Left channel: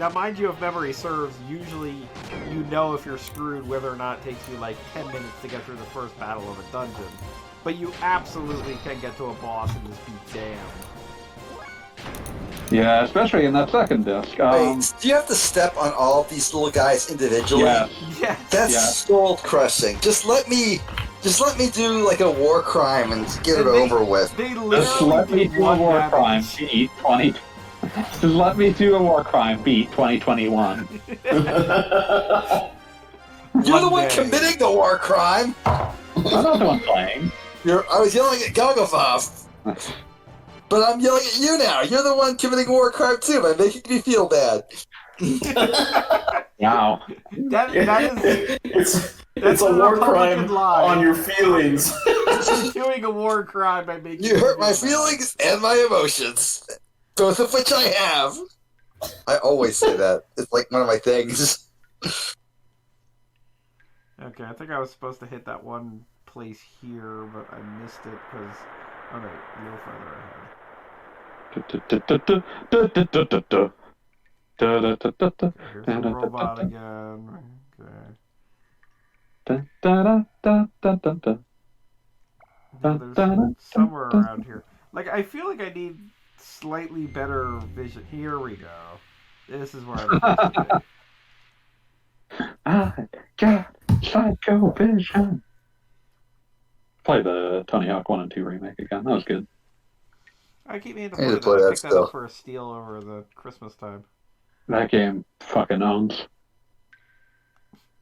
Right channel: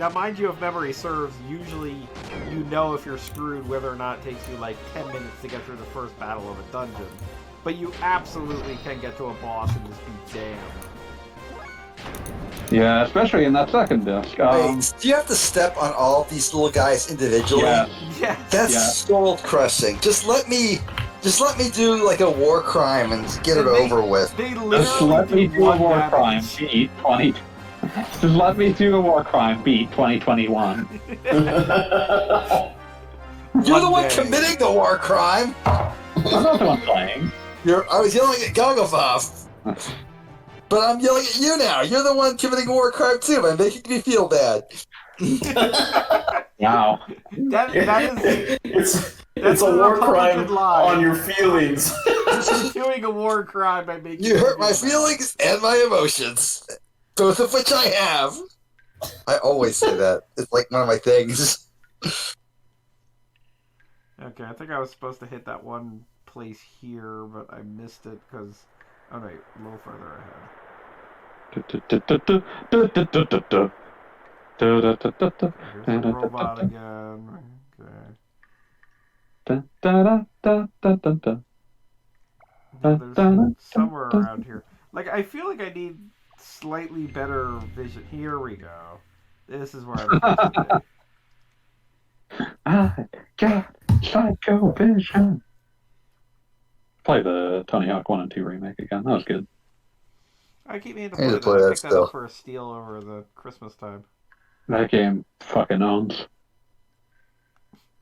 Now, mind you, if memory serves, usually you know if you're screwed whether or not it takes you like 10 minutes to get through the first battle of a dungeon. But you absolutely can get to a boss and just be damned. Yeah, especially in that second disc. Wait, do you have to step on all of these little guys individually? Yeah. That's soul crushing. Just let me do like a war crime and get it over with. They Just literally let me do a one war damage. crime. Beat 20. Just let me do a war crime. Beat 2021. You're the one committing the war crime. I'm not the one playing. I was yelling at Goggovav. But I'm yelling at you now. You're the one committing a war crime too by making me feel bad. Wow. That is it's a war crime lie. on your feelings. Doing a war crime by making you hurt my feelings and my emotions, both of which I have. I always say that. It's like one of my things. Okay, I think I was supposed to hit that one place here, but I missed it because... Oh, wait, a little further ahead. Here's the robot again. Okay. No, there's somewhere around here. Like, I feel like I need slightly better vision. Here we go. This is where I'm supposed to be. I got psycho vision. Play the Tony Hawk 1 and 2 remake again. That was good. I keep meaning to I need to play play that. I that picked that still. up for a steal over the Christmas time. That game fucking owns.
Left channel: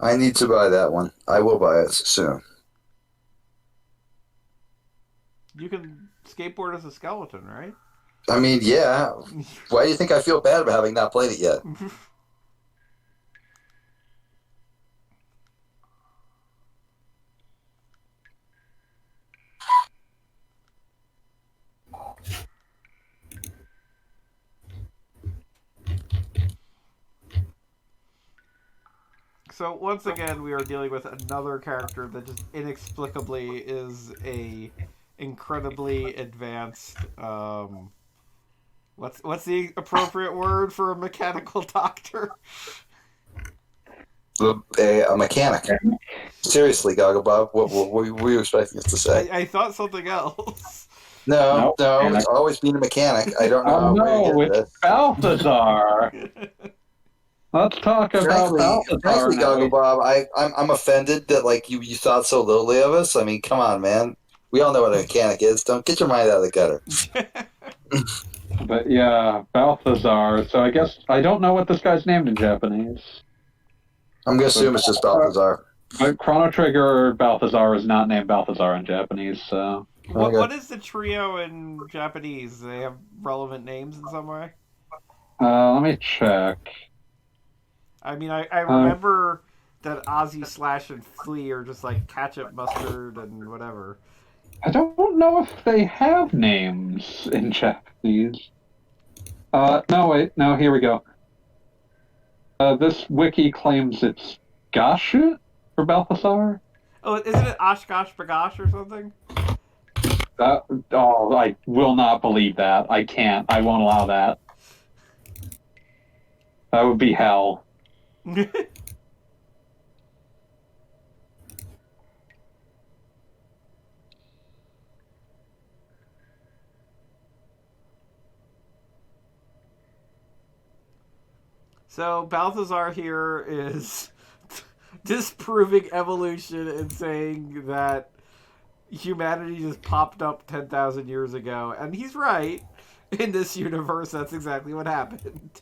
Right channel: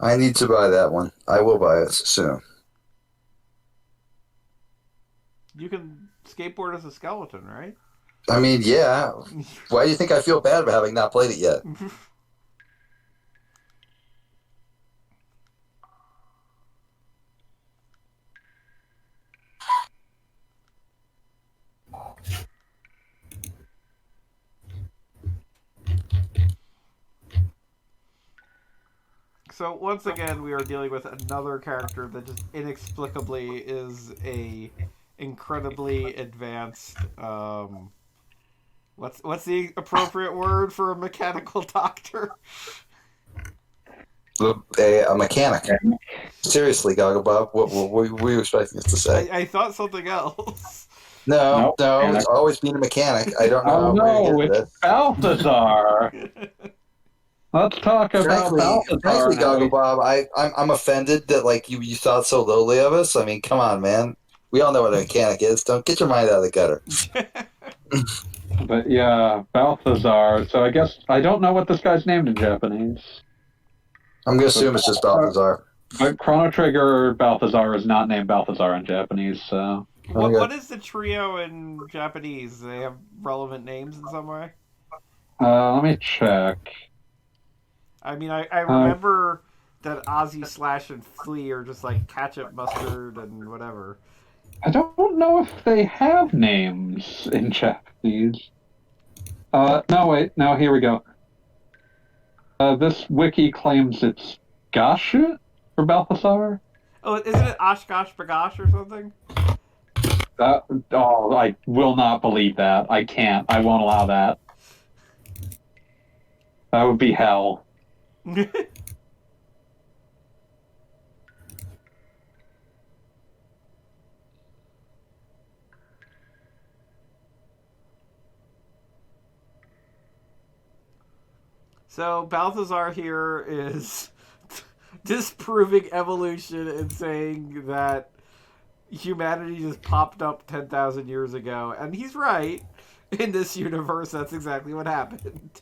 I need to buy that one. I will buy it soon. You can skateboard as a skeleton, right? I mean, yeah. Why do you think I feel bad about having not played it yet? So once again, we are dealing with another character that just inexplicably is a incredibly advanced. What's the appropriate word for a mechanical doctor? A mechanic. Seriously, Goggobob, what were you expecting us to say? I thought something else. No, Nope. it's always been a mechanic. I don't know Oh no, where you get it's Balthazar. Let's talk about Balthazar. Frankly, now. Goggobob, I'm offended that like you thought so lowly of us. I mean, come on, man. We all know what a mechanic is. Don't get your mind out of the gutter. But yeah, Balthazar. So I guess I don't know what this guy's named in Japanese. I'm gonna assume it's just Balthazar. But Chrono Trigger Balthazar is not named Balthazar in Japanese, so... What is the trio in Japanese? Do they have relevant names in some way? Let me check. I mean, I remember that Ozzy, Slash, and Flea are just like ketchup, mustard, and whatever. I don't know if they have names in Japanese. No, wait. No, here we go. This wiki claims it's Gashu for Balthazar. Oh, isn't it Oshkosh Bagosh or something? I will not believe that. I can't. I won't allow that. That would be hell. So Balthazar here is disproving evolution and saying that humanity just popped up 10,000 years ago. And he's right. In this universe, that's exactly what happened.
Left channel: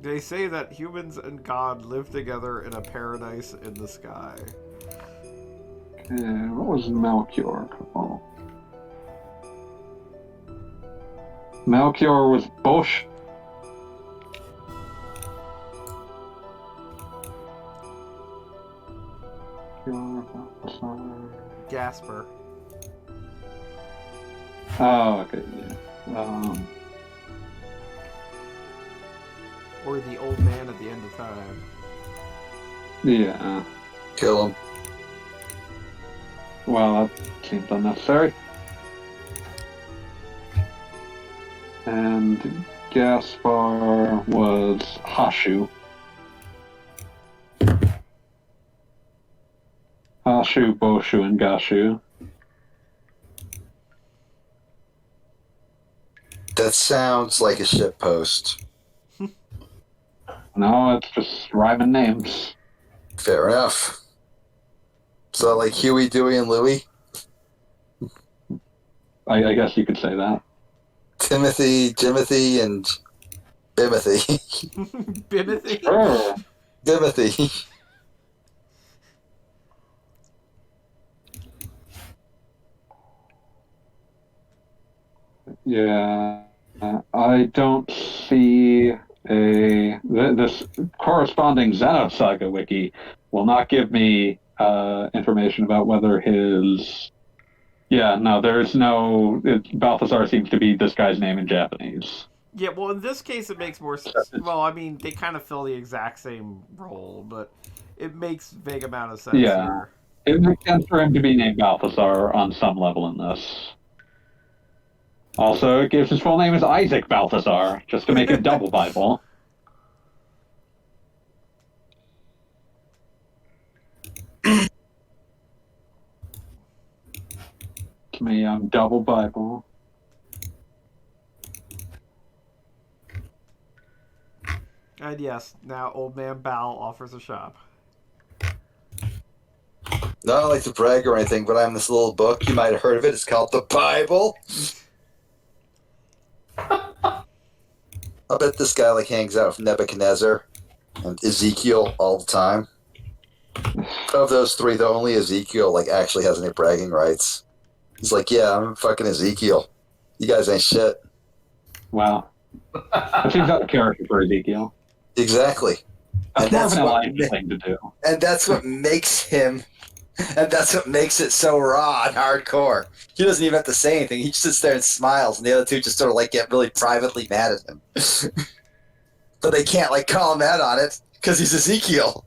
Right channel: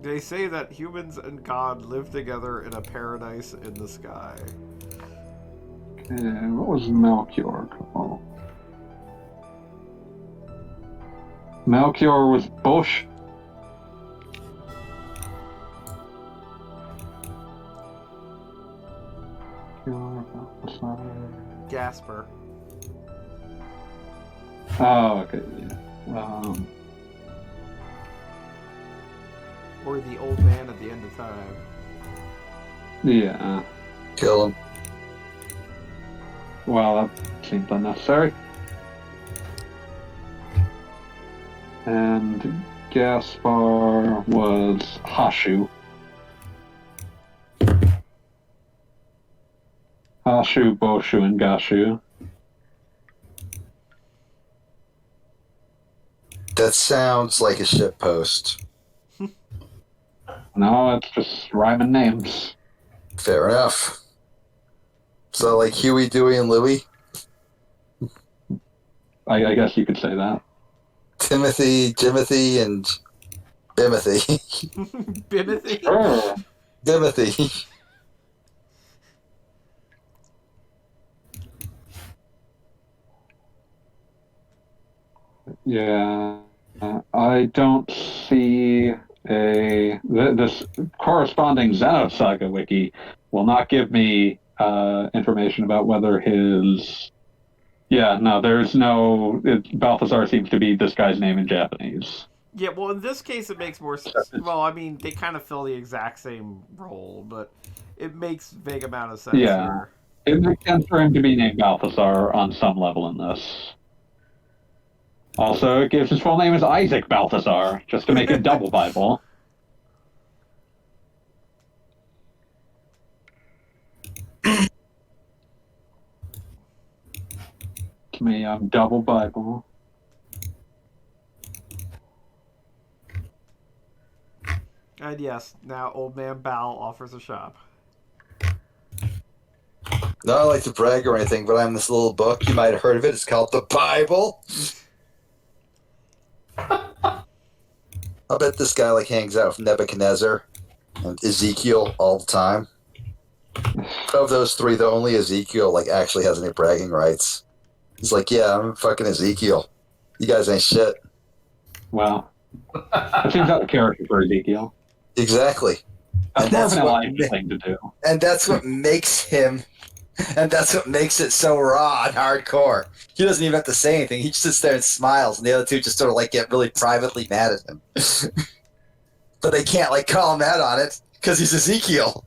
They say that humans and God live together in a paradise in the sky. What was Melchior called? Melchior was Bush. Gasper. Oh, okay. Yeah. Or the old man at the end of time. Yeah. Kill him. Well, that seems unnecessary. And Gaspar was Hashu. Hashu, Boshu, and Gashu. That sounds like a shitpost. No, it's just rhyming names. Fair enough. So, like Huey, Dewey, and Louie? I guess you could say that. Timothy, Jimothy, and Bimothy. Bimothy? Sure. Bimothy. Yeah, I don't see this corresponding Xenosaga wiki will not give me information about whether his. Yeah, no, there's no. Balthazar seems to be this guy's name in Japanese. Yeah, well, in this case, it makes more sense. Well, I mean, they kind of fill the exact same role, but it makes vague amount of sense Yeah. here. It makes sense for him to be named Balthazar on some level in this. Also, it gives his full name as Isaac Balthazar, just to make it double Bible. To me, I'm double Bible. And yes, now Old Man Bal offers a shop. Not like to brag or anything, but I'm this little book. You might have heard of it. It's called the Bible. I bet this guy like hangs out with Nebuchadnezzar and Ezekiel all the time. Of those three, though, only Ezekiel like actually has any bragging rights. He's like, yeah, I'm fucking Ezekiel. You guys ain't shit. Wow. That seems out of character for Ezekiel. Exactly. That's And more that's of an what Elijah thing to do. And that's what makes him, and that's what makes it so raw and hardcore. He doesn't even have to say anything. He just sits there and smiles, and the other two just sort of like get really privately mad at him. But they can't like call him out on it because he's Ezekiel.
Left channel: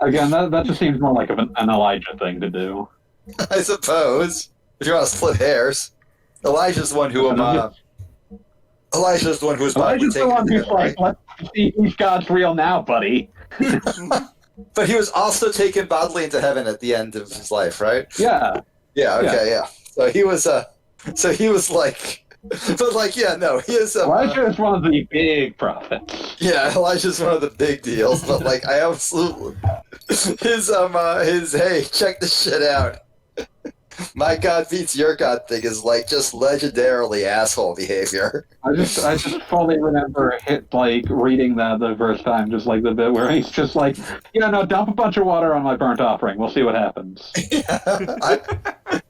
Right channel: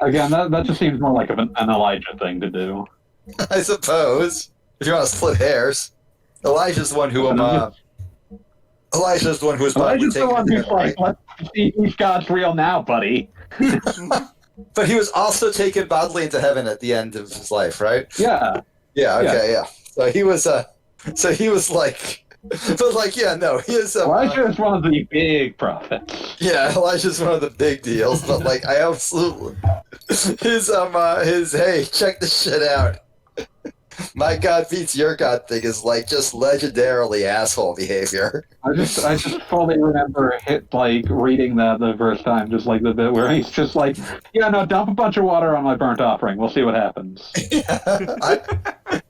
Again, that just seems more like an Elijah thing to do. I suppose. If you want to split hairs, Elijah's the one who Elijah's the one who was Elijah's the one who's like, let's see who's God's real now, buddy. But he was also taken bodily into heaven at the end of his life, right? Yeah. Yeah. Okay. Yeah. So he was. So he was like. But like, yeah, no, he is. Elijah is one of the big prophets. Yeah, Elijah's one of the big deals. But like, I absolutely his hey, check this shit out. My God beats your God thing is like just legendarily asshole behavior. I just fully remember reading that the first time, just like the bit where he's just like, yeah, no, dump a bunch of water on my burnt offering. We'll see what happens.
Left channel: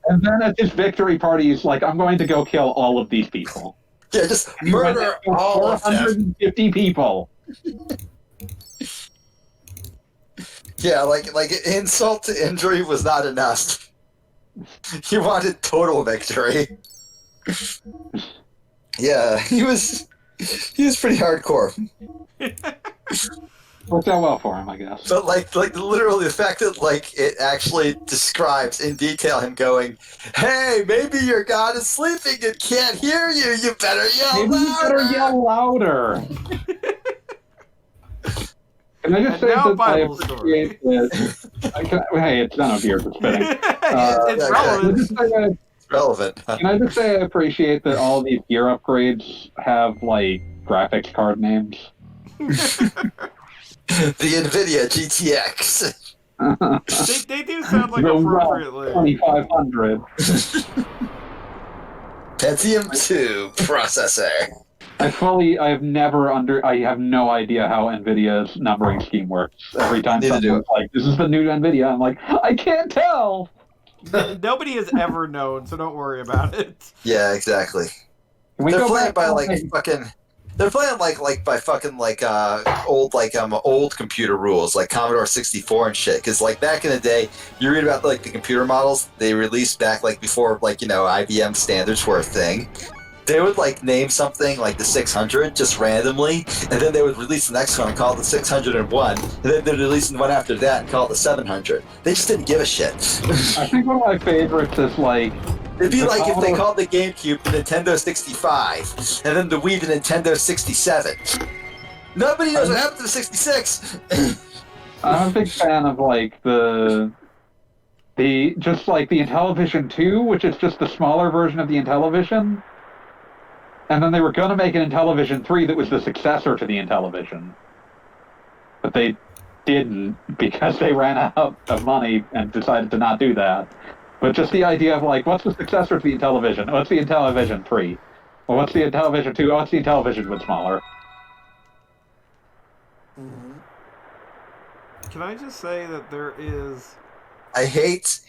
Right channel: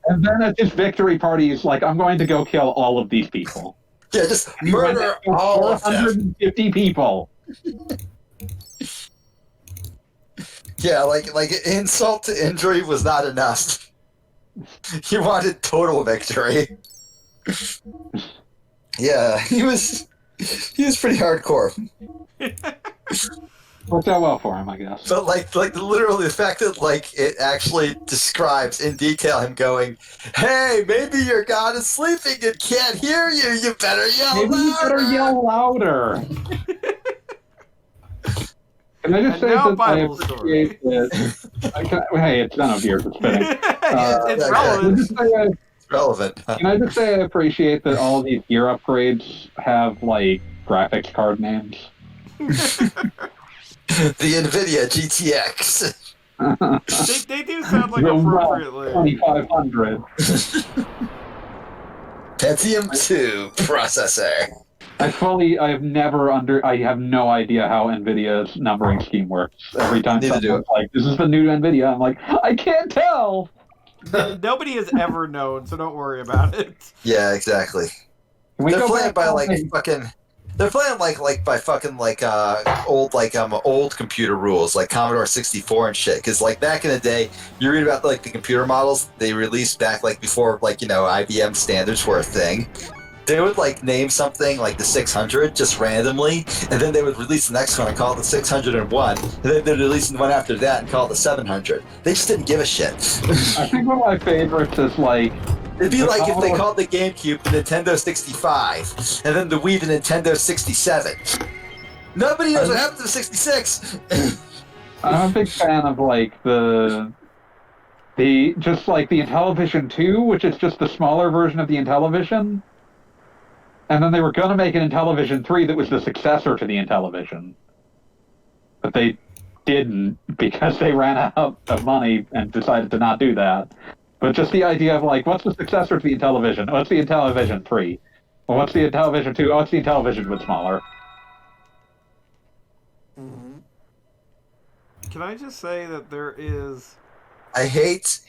And then at his victory party, he's like, I'm going to go kill all of these people. Yeah, just murder all of them. 450 people. Yeah, like insult to injury was not enough. He wanted total victory. Yeah, he was pretty hardcore. Worked out well for him, I guess. But like literally the fact that like it actually describes in detail him going, "Hey, maybe your God is sleeping and can't hear you. You better yell Maybe louder." you better yell louder. Can I just say now that Bible I story. appreciate that? Hey, it's Xenogears. It's fitting. It's relevant. It's relevant. Can I just say I appreciate that all these gear upgrades have like graphics card names? The NVIDIA GTX. They do sound like The appropriately. 2500. Pentium 2 processor. I have no idea how NVIDIA's numbering scheme works. Every time Neither do someone's like, this is the new NVIDIA, I'm like, I can't tell! Nobody has ever known, so don't worry about it. Yeah, exactly. Can we They're go playing back by to, like fucking. They're playing like by fucking old computer rules like Commodore 64 and shit. Because like back in the day, you read about like the computer models they released back like before like IBM standards were a thing. they would like name something like the 600 just randomly, and then they would release the next one and call it the 601, and then they'd release the one after that and call it the 700. They just didn't give a shit. I think one of my favorites is like It'd be the like if they Commodore- called the GameCube the Nintendo 65, and then the Wii the Nintendo 67. Nobody knows what happened to the 66. I'm a big fan of like the just like the Intellivision 2, which is just the smaller version of the Intellivision. And then they were going to make an Intellivision 3 that was the successor to the Intellivision. But they didn't because they ran out of money and decided to not do that. But just the idea of like, what's the successor to the Intellivision? What's the Intellivision 3? Well, what's the Intellivision 2? Oh, it's the Intellivision but smaller. Can I just say that there is... I hate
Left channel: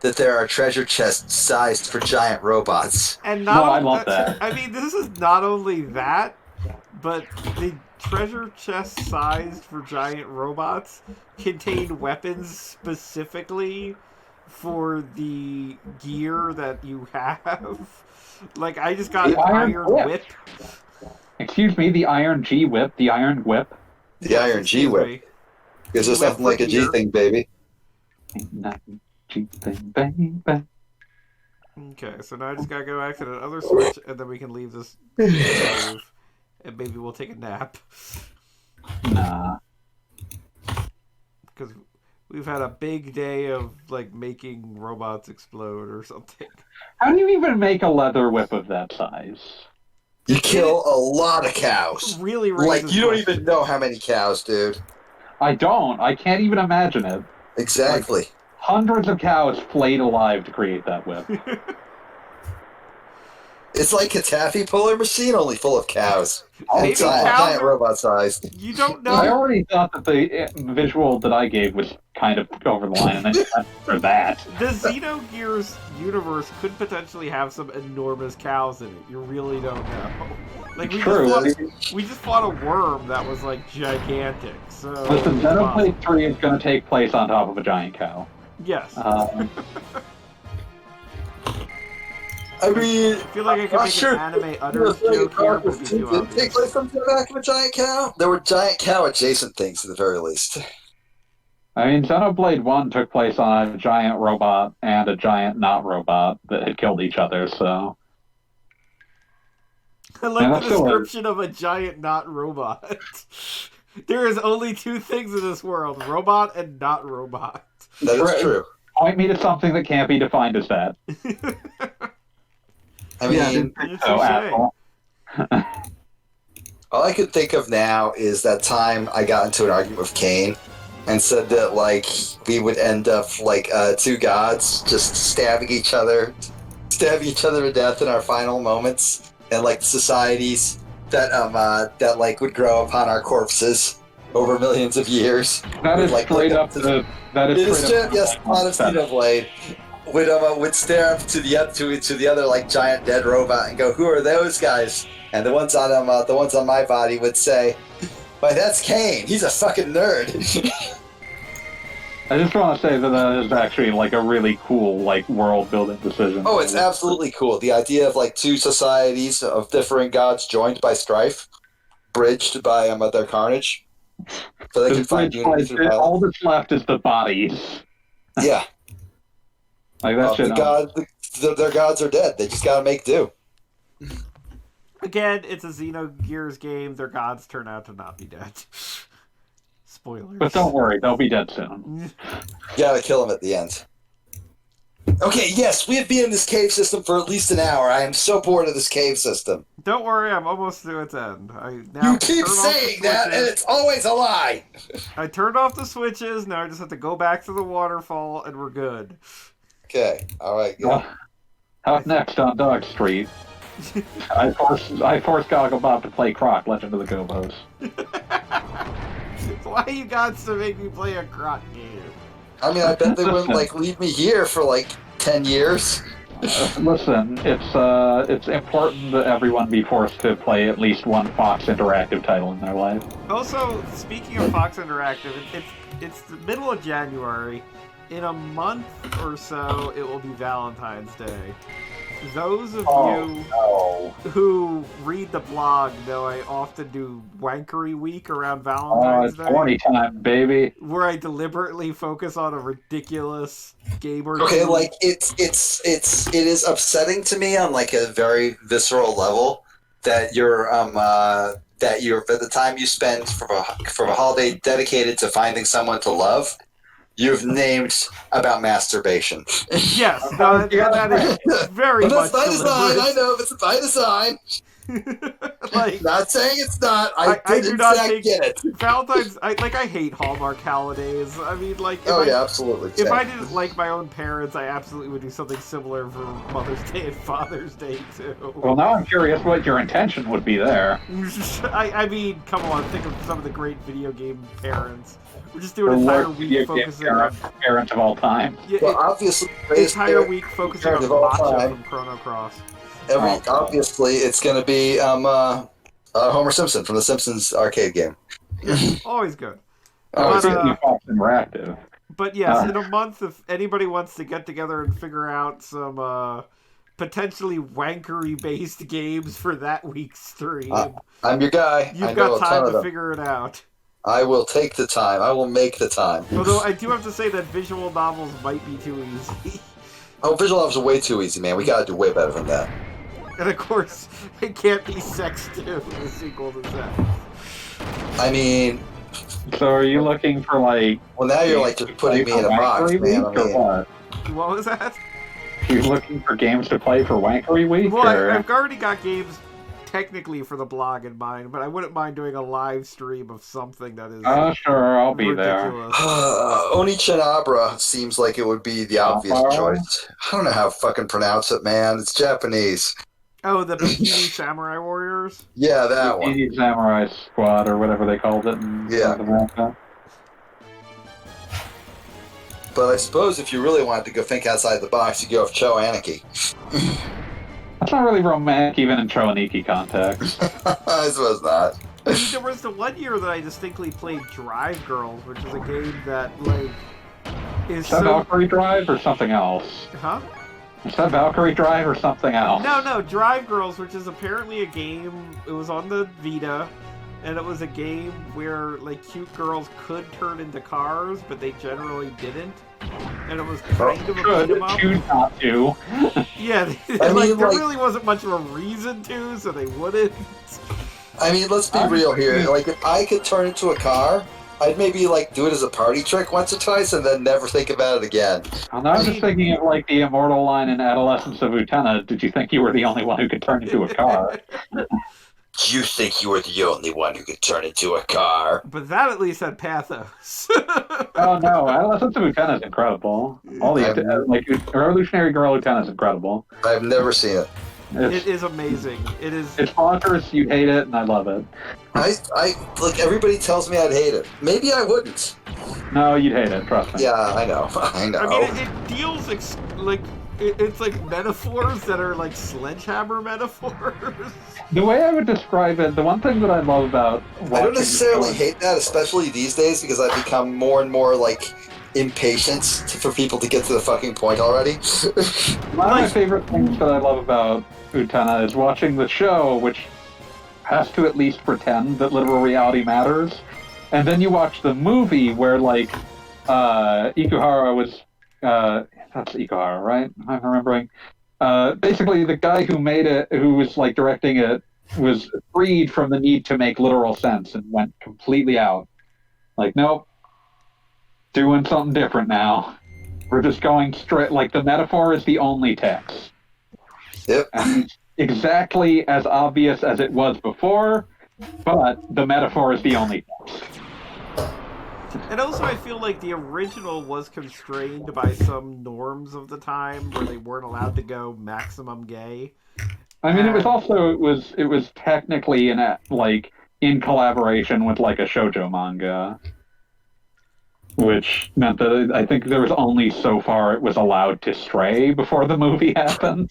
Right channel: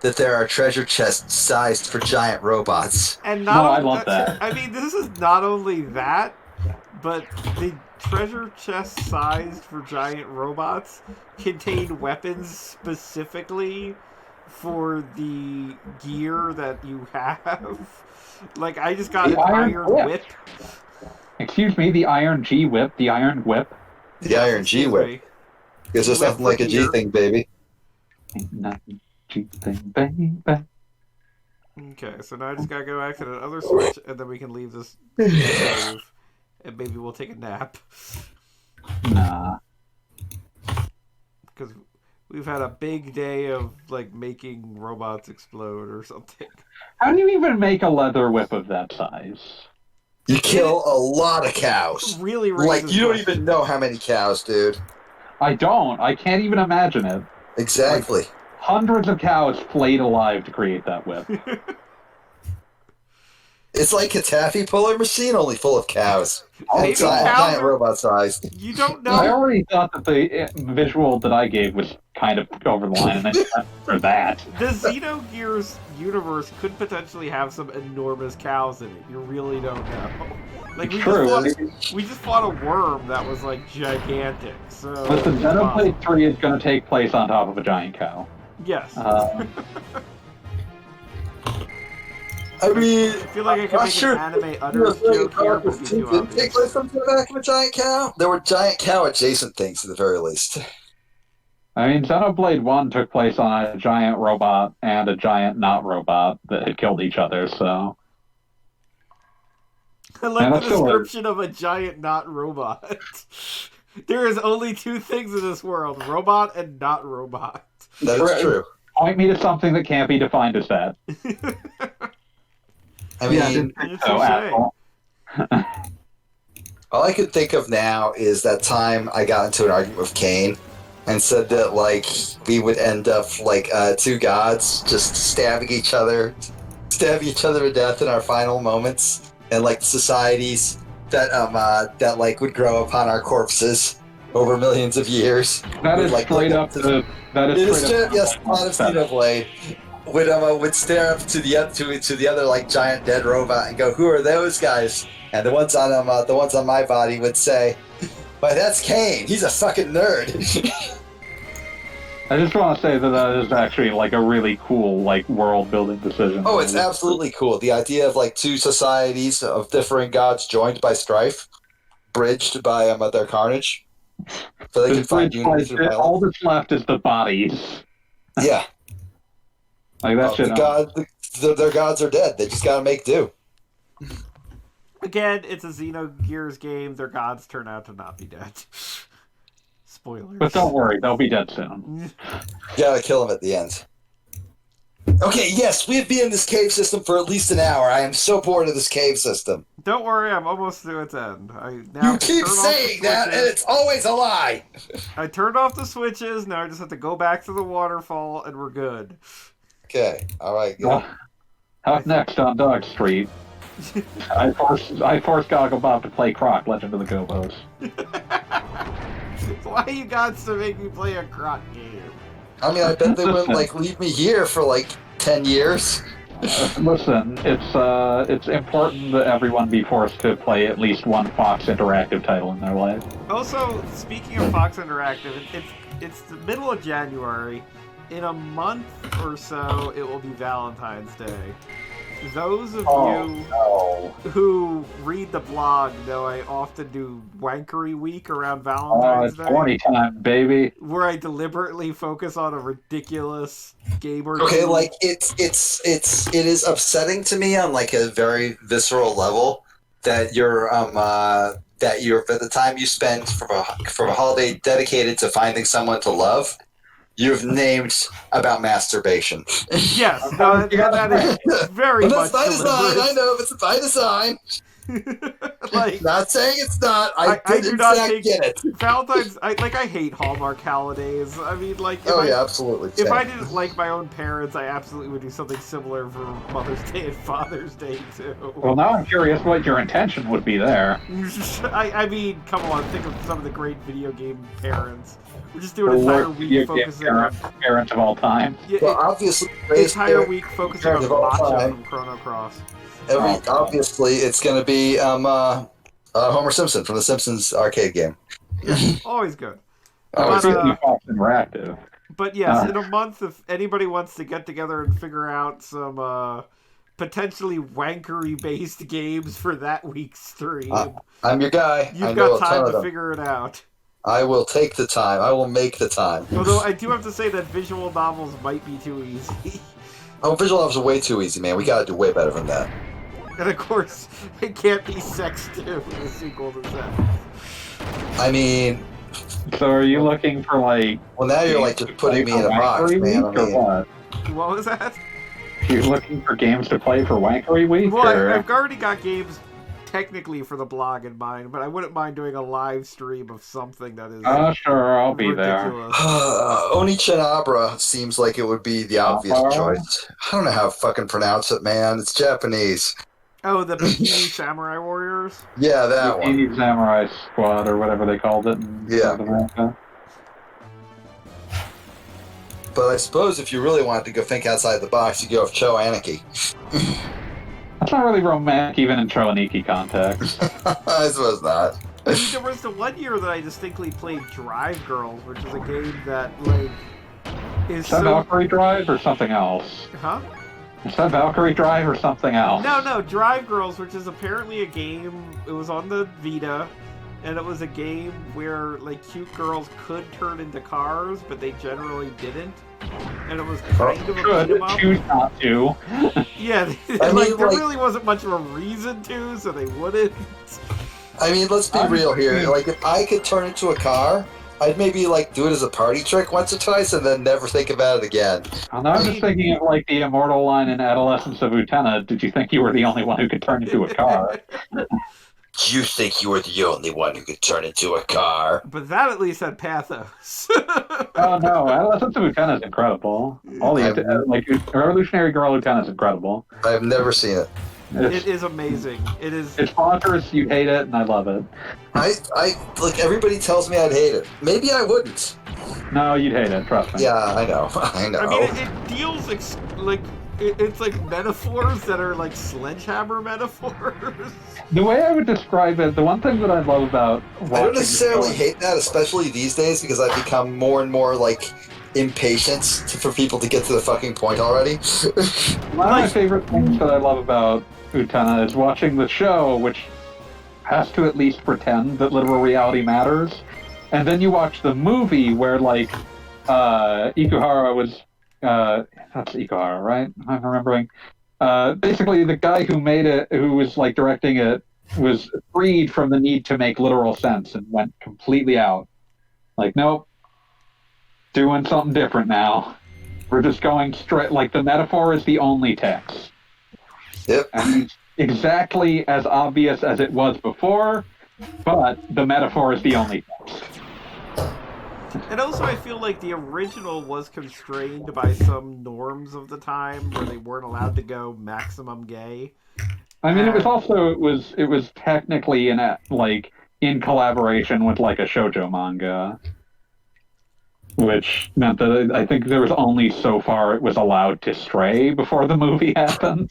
that there are treasure chests sized for giant robots. And not No, I only love that. I mean, this is not only that, but the treasure chest sized for giant robots contain weapons specifically for the gear that you have. Like, I just got The an Iron iron Whip. whip. Excuse me, the Iron G Whip, the Iron Whip. The Iron G Excuse whip. me. Because there's Whip nothing for like a G gear. thing, baby. Ain't nothing G thing, baby. Okay, so now I just gotta go back to the other switch, and then we can leave this save, and maybe we'll take a nap. Nah. Because we've had a big day of, like, making robots explode or something. How do you even make a leather whip of that size? You kill a lot of cows. Really Like, raises you don't questions. even know how many cows, dude. I don't. I can't even imagine it. Exactly. Hundreds of cows flayed alive to create that whip. It's like a taffy puller machine, only full of cows. Maybe And giant, cows giant are- robot sized. You don't I know. already thought that the visual that I gave was kind of over the line, and then for that. The Xenogears universe could potentially have some enormous cows in it. You really don't know. Like, True. we just fought a worm that was, like, gigantic. So Listen, it's possible. Xenoblade 3 is going to take place on top of a giant cow. Yes. I mean, I feel like I could I'm make sure- an anime utters joke here, but it'd be too Didn't take obvious. place from the back of a giant cow. There were giant cow adjacent things at the very least. I mean, Xenoblade 1 took place on a giant robot and a giant not robot that had killed each other, so... I like Yeah, the that's still description of a giant not robot. There is only two things in this world: robot and not robot. That is true. Point me to something that can't be defined as that. I mean, It's So, a shame. asshole. all I can think of now is that time I got into an argument with Kane and said that, like, we would end up like two gods just stabbing each other to death in our final moments, and like societies that like would grow upon our corpses over millions of years. That is Like, straight look up up to the... That It is is straight up... yes, a lot of Xenoblade would stare up to the other like giant dead robot and go, "Who are those guys?" And the ones on my body would say, "Why, that's Kane. He's a fucking nerd." I just want to say that is actually like a really cool like world building decision. Oh, it's absolutely cool. The idea of like two societies of differing gods joined by strife, bridged by their carnage, so they can find unity through violence. All that's left is the bodies. Yeah, Like that shit. their gods are dead. They just gotta make do. Again, it's a Xenogears game. Their gods turn out to not be dead. Spoilers. But don't worry, they'll be dead soon. You gotta kill him at the end. Okay, yes, we have been in this cave system for at least an hour. I am so bored of this cave system. Don't worry, I'm almost to its end. I now You keep turn off the saying that, and switches. it's always a lie. I turned off the switches. Now I just have to go back to the waterfall, and we're good. Okay, all right, good. Up next on Dog Street, I forced Goggle Bob to play Croc, Legend of the Gobos. Why you got to make me play a croc game? I mean, I bet they wouldn't like leave me here for like 10 years. Listen, it's important that everyone be forced to play at least one Fox Interactive title in their life. Also, speaking of Fox Interactive, it's the middle of January. In a month or so, it will be Valentine's Day. Those of Oh, you no. who read the blog know I often do Wankery Week around Oh, Valentine's it's Day, horny time, baby. where I deliberately focus on a ridiculous game or Okay, two. like it is upsetting to me on like a very visceral level that you're for the time you spend for a holiday dedicated to finding someone to love, you've named about masturbation. Yes, no, and that is very But that's much by design. deliberate. I know, it's by design. Like, Not saying it's not. I I did do in not fact think get it. Valentine's. I hate Hallmark holidays. I mean, like, Oh yeah, absolutely. if Same. I didn't like my own parents, I absolutely would do something similar for Mother's Day and Father's Day too. Well, now I'm curious what your intention would be there. I mean, come on, think of some of the great video game parents. We're just doing The an entire worst week video game focusing on parent of all time. Well, obviously, entire week focusing on of all matcha time. from Chrono Cross. Obviously, it's going to be Homer Simpson from the Simpsons arcade game. Yeah, always good. Always But, good. Disney Fox Interactive. But yes, in a month, if anybody wants to get together and figure out some potentially wankery-based games for that week's stream, I'm your guy. you've I know got a ton time of to them. figure it out. I will take the time. I will make the time. Although I do have to say that visual novels might be too easy. Oh, visual novels are way too easy, man. We got to do way better than that. And of course, it can't be Sex 2, the sequel to Sex. I mean, So are you looking for like? well, now you're like just putting me in a box, Wankery man. I Week, or mean, what? What was that? You looking for games to play for Wankery Week? Well, or... I've already got games technically for the blog in mind, but I wouldn't mind doing a live stream of something that is Sure, I'll be there. ridiculous. Onichanabra seems like it would be the obvious choice. I don't know how to fucking pronounce it, man. It's Japanese. Oh, the Bikini Samurai Warriors? Yeah, that one. Bikini Samurai Squad, or whatever they called it. Yeah. Yeah. But I suppose if you really wanted to go think outside the box, you go with Cho Anarchy. That's not really romantic, even in Choaniki context. I suppose not. I mean, there was the one year that I distinctly played Drive Girls, which is a game that, like, is Is that so... Valkyrie Drive or something else? Huh? Is that Valkyrie Drive or something else? No, Drive Girls, which is apparently a game, it was on the Vita, and it was a game where, like, cute girls could turn into cars, but they generally didn't. And it was kind of a beat 'em up. Choose not to. Yeah, I like, mean, there like- really wasn't much of a reason to, so they wouldn't. I mean, let's be real here. Like, if I could turn into a car, I'd maybe, like, do it as a party trick once or twice and then never think about it again. I'm not just thinking of like the immortal line in Adolescence of Utena. Did you think you were the only one who could turn into a car? You think you were the only one who could turn into a car? But that at least had pathos. Oh no, Adolescence of Utena is incredible. All the like Revolutionary Girl Utena is incredible. I've never seen it. It is amazing. It is. It's bonkers. You hate it, and I love it. Like, everybody tells me I'd hate it. Maybe I wouldn't. No, you'd hate it. Trust me. Yeah, I know. I know. I mean, it deals it's like metaphors that are like sledgehammer metaphors. The way I would describe it, the one thing that I love about I don't watching necessarily the show- hate that, especially these days, because I've become more and more, like, impatient for people to get to the fucking point already. One of my favorite things that I love about Utena is watching the show, which has to at least pretend that literal reality matters, and then you watch the movie where, like, Ikuhara was... that's Ikuhara, right? I'm remembering. Basically, the guy who made it, who was, like, directing it, was freed from the need to make literal sense and went completely out. Like, nope. Doing something different now. We're just going straight, like, the metaphor is the only text. Yep. And it's exactly as obvious as it was before, but the metaphor is the only text. And also, I feel like the original was constrained by some norms of the time where they weren't allowed to go maximum gay. I mean, it was technically in collaboration with like a shoujo manga, which meant that I think there was only so far it was allowed to stray before the movie happened.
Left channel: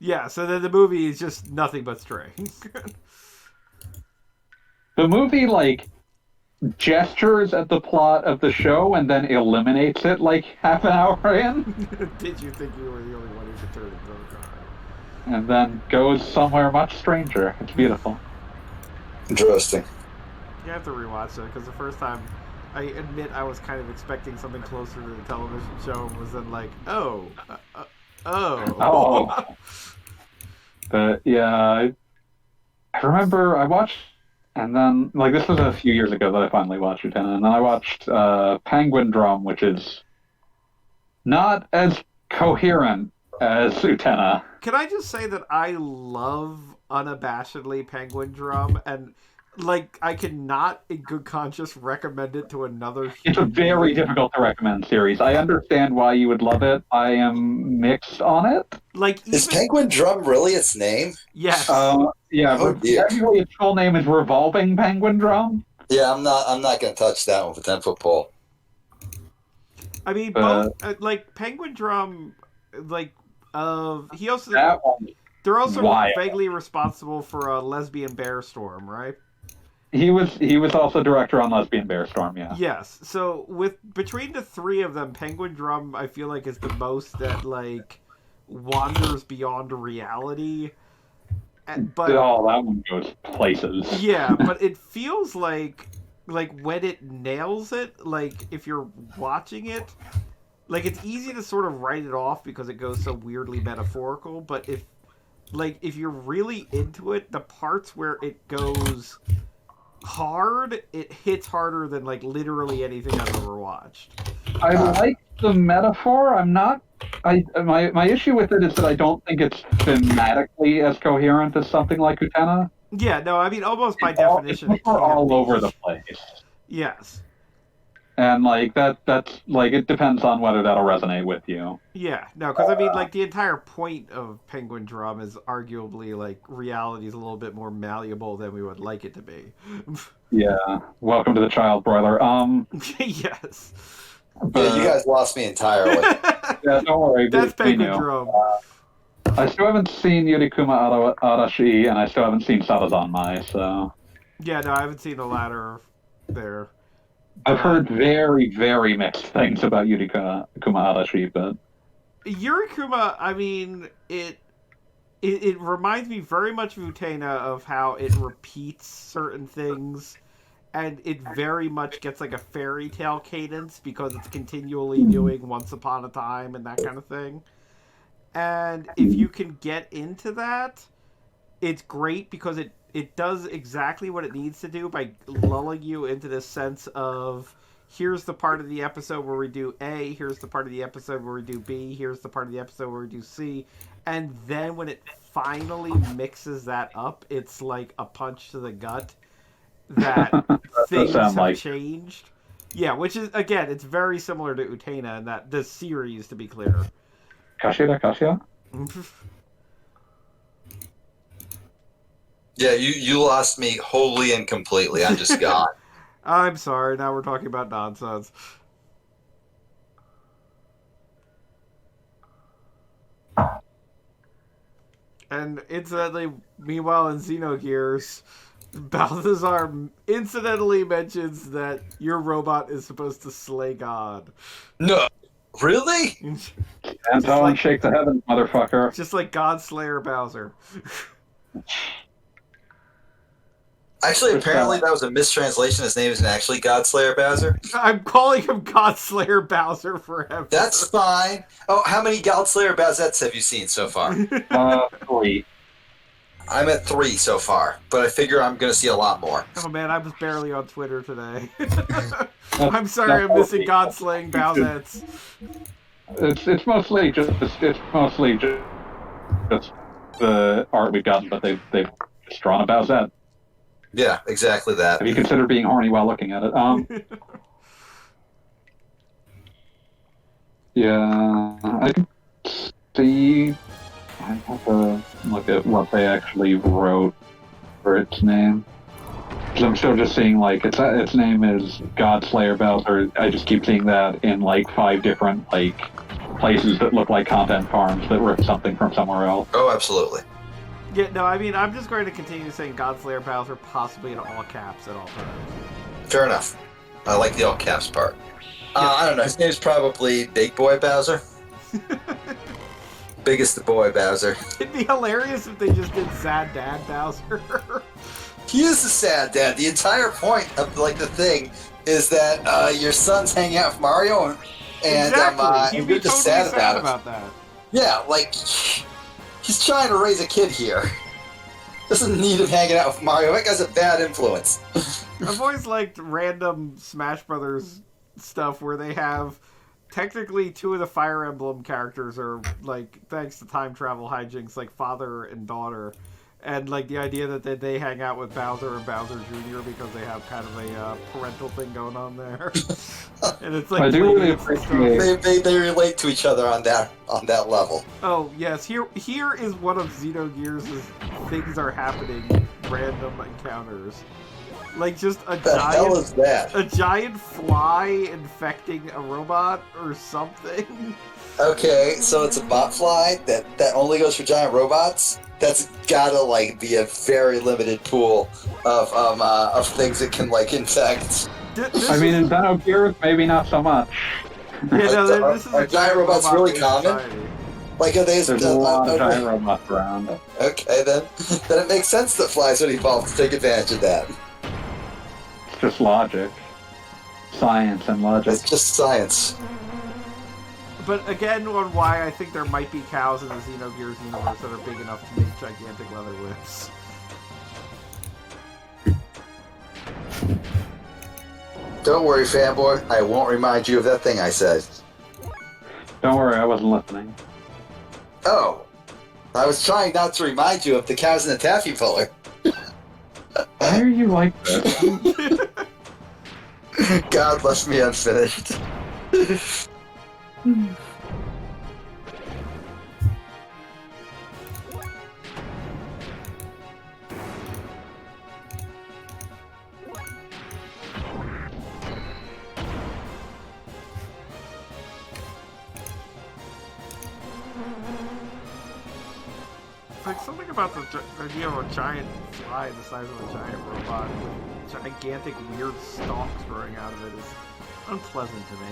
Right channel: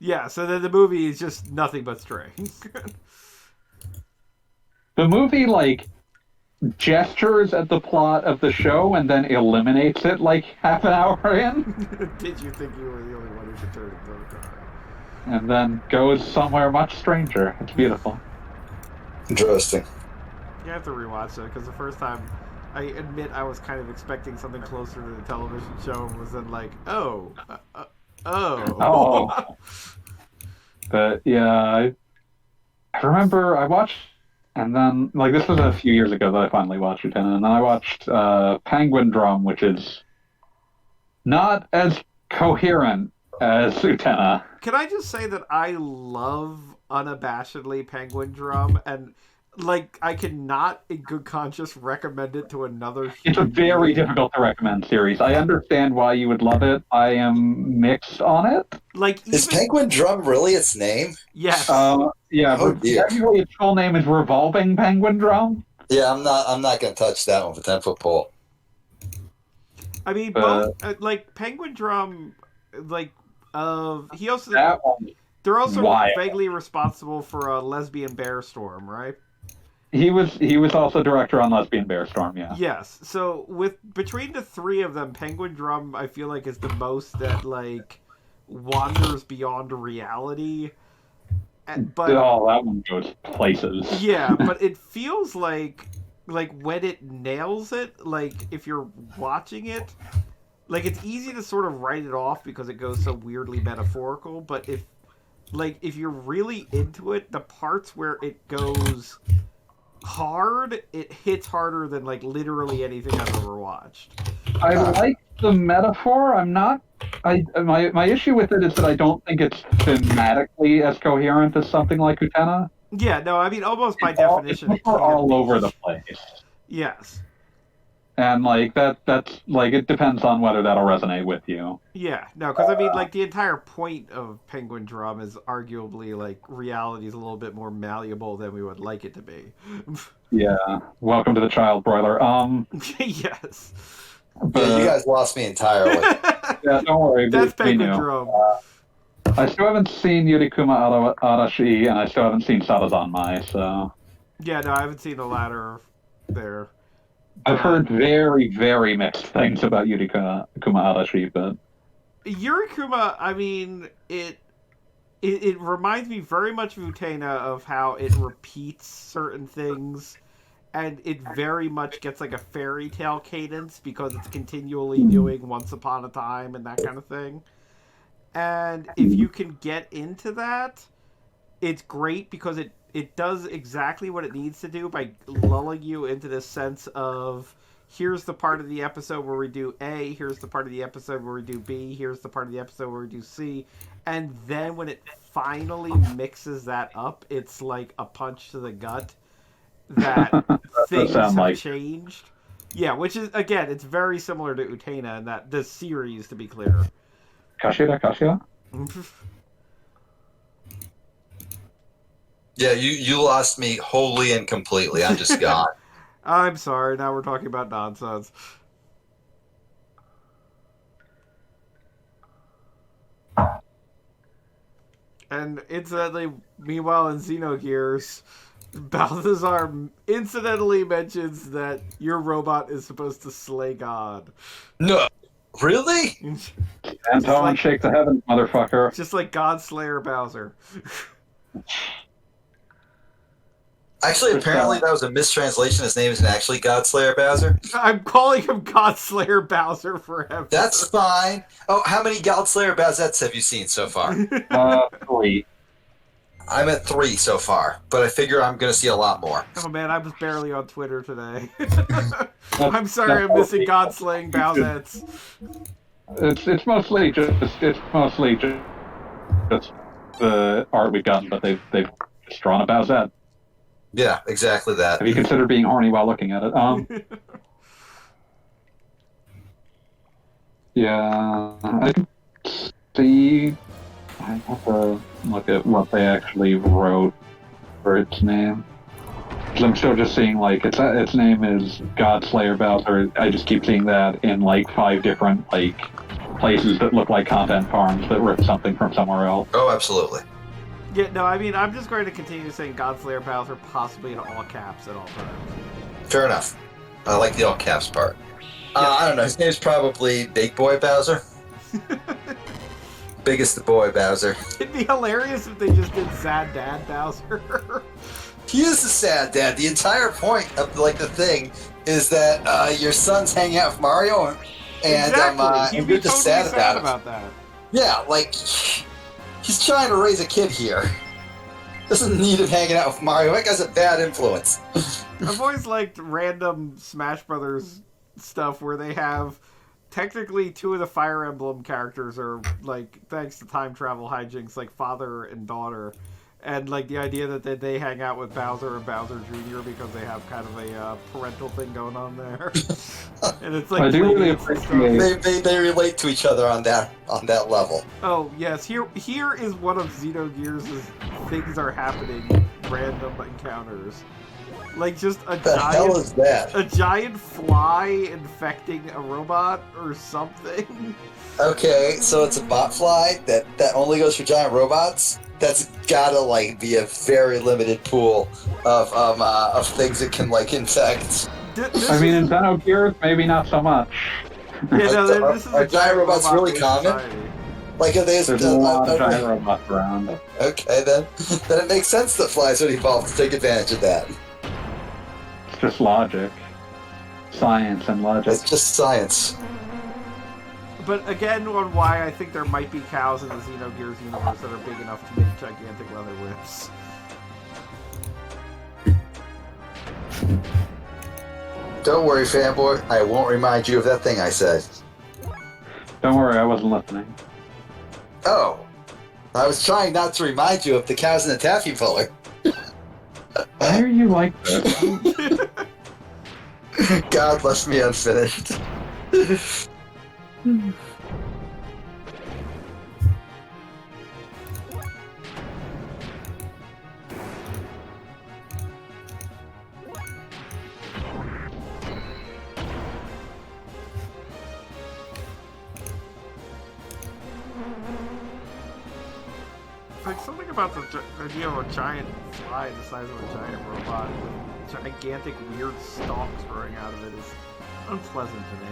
Yeah, so then the movie is just nothing but stray. The movie, like, gestures at the plot of the show and then eliminates it like half an hour in, Did you think you were the only one who could turn into a car? and then goes somewhere much stranger. It's beautiful. Interesting. You have to rewatch it because the first time, I admit I was kind of expecting something closer to the television show and was then like, oh. Oh. But yeah, I remember I watched, and then like this was a few years ago that I finally watched Utena, and then I watched Penguin Drum, which is not as coherent as Utena. Can I just say that I love unabashedly Penguin Drum, and like I cannot in good conscience recommend it to another It's a human very being. difficult to recommend series. I understand why you would love it. I am mixed on it. Like even Is Penguin Drum really its name? yes, Yeah, Oh, dear. technically its full name is Revolving Penguin Drum. Yeah, I'm not going to touch that one with a 10-foot pole. I mean both like Penguin Drum, like he also That one, they're also wild. vaguely responsible for a Lesbian Bear Storm, right? he was also director on Lesbian Bear Storm. Yeah. Yes. So with between the three of them, Penguin Drum I feel like is the most that like wanders beyond reality. But Oh, that one goes places. yeah, but it feels like when it nails it, like if you're watching it, like it's easy to sort of write it off because it goes so weirdly metaphorical, but if you're really into it, the parts where it goes hard, it hits harder than like literally anything I've ever watched. I like the metaphor. I'm not. My issue with it is that I don't think it's thematically as coherent as something like Utena. Yeah, no, I mean almost by definition it It's can't all be. over the place, Yes. and like that's like it depends on whether that'll resonate with you. Yeah, no, because I mean, like the entire point of Penguin Drum is arguably like reality is a little bit more malleable than we would like it to be. Yeah. Welcome to the child broiler. Yes. Yeah, you guys lost me entirely. Yeah, don't worry. That's we Penguin knew. Drum. I still haven't seen Yurikuma Arashi, and I still haven't seen Sarazanmai, so Yeah, no, I haven't seen the latter there. I've heard very, very mixed things about Yurikuma Arashi, but Yurikuma, I mean, it reminds me very much of Utena of how it repeats certain things, and it very much gets like a fairy tale cadence because it's continually doing Once Upon a Time and that kind of thing. And if you can get into that, it's great because it does exactly what it needs to do by lulling you into this sense of here's the part of the episode where we do A, here's the part of the episode where we do B, here's the part of the episode where we do C, and then when it finally mixes that up, it's like a punch to the gut that things have changed. Yeah, which is, again, it's very similar to Utena in that the series, to be clear. Kashira? Yeah, you lost me wholly and completely. I'm just gone. I'm sorry, now we're talking about nonsense. And incidentally, meanwhile in Xenogears, Balthazar incidentally mentions that your robot is supposed to slay God. No, really? And someone shake the heavens, motherfucker. Just like God Slayer Bowser. Actually, apparently that was a mistranslation. His name isn't actually Godslayer Bowser. I'm calling him God Slayer Bowser forever. That's fine. Oh, how many Godslayer Bowsettes have you seen so far? 3. I'm at 3 so far, but I figure I'm going to see a lot more. Oh man, I was barely on Twitter today. I'm sorry I'm missing God slaying Bowsettes. It's mostly just the art we've gotten, but they've just drawn a Bowsette. Yeah, exactly that. Have you considered being horny while looking at it? Yeah, I can see. I have to look at what they actually wrote for its name. 'Cause I'm still just seeing like its name is Godslayer Bowser. I just keep seeing that in like 5 different like places that look like content farms that ripped something from somewhere else. Oh, absolutely. Yeah, no, I mean, I'm just going to continue saying God Slayer Bowser possibly in all caps at all times. Fair enough. I like the all caps part. I don't know. His name's probably Big Boy Bowser. Biggest boy Bowser. It'd be hilarious if they just did Sad Dad Bowser. He is the sad dad. The entire point of the thing is that your son's hanging out with Mario, and Exactly. He'd be you're just totally sad sad about about that. it. Yeah, like he's trying to raise a kid here. Doesn't need him hanging out with Mario. That guy's a bad influence. I've always liked random Smash Brothers stuff where they have technically two of the Fire Emblem characters are like, thanks to time travel hijinks, like father and daughter, and like the idea that they hang out with Bowser and Bowser Jr. because they have kind of a parental thing going on there, and it's like I do really playdates and stuff. appreciate- They relate to each other on that level. Oh yes, here is one of Xenogears' things are happening, random encounters. Like just What the hell is that? a giant fly infecting a robot or something. Okay, so it's a bot fly that only goes for giant robots. That's gotta be a very limited pool of things it can infect. I mean, in Xenogears, maybe not so much. Yeah, no, this is Are a giant robots really robot-based common? society. Are they? There's a lot of giant robots around. Okay, then it makes sense that flies would evolve to take advantage of that. It's just logic. Science and logic. It's just science. But again, on why I think there might be cows in the Xenogears universe that are big enough to make gigantic leather whips. Don't worry, fanboy. I won't remind you of that thing I said. Don't worry, I wasn't listening. Oh, I was trying not to remind you of the cows in the taffy puller. Why are you like this? God left me unfinished. Like something about the idea of a giant fly the size of a giant robot with gigantic weird stalks growing out of it is unpleasant to me.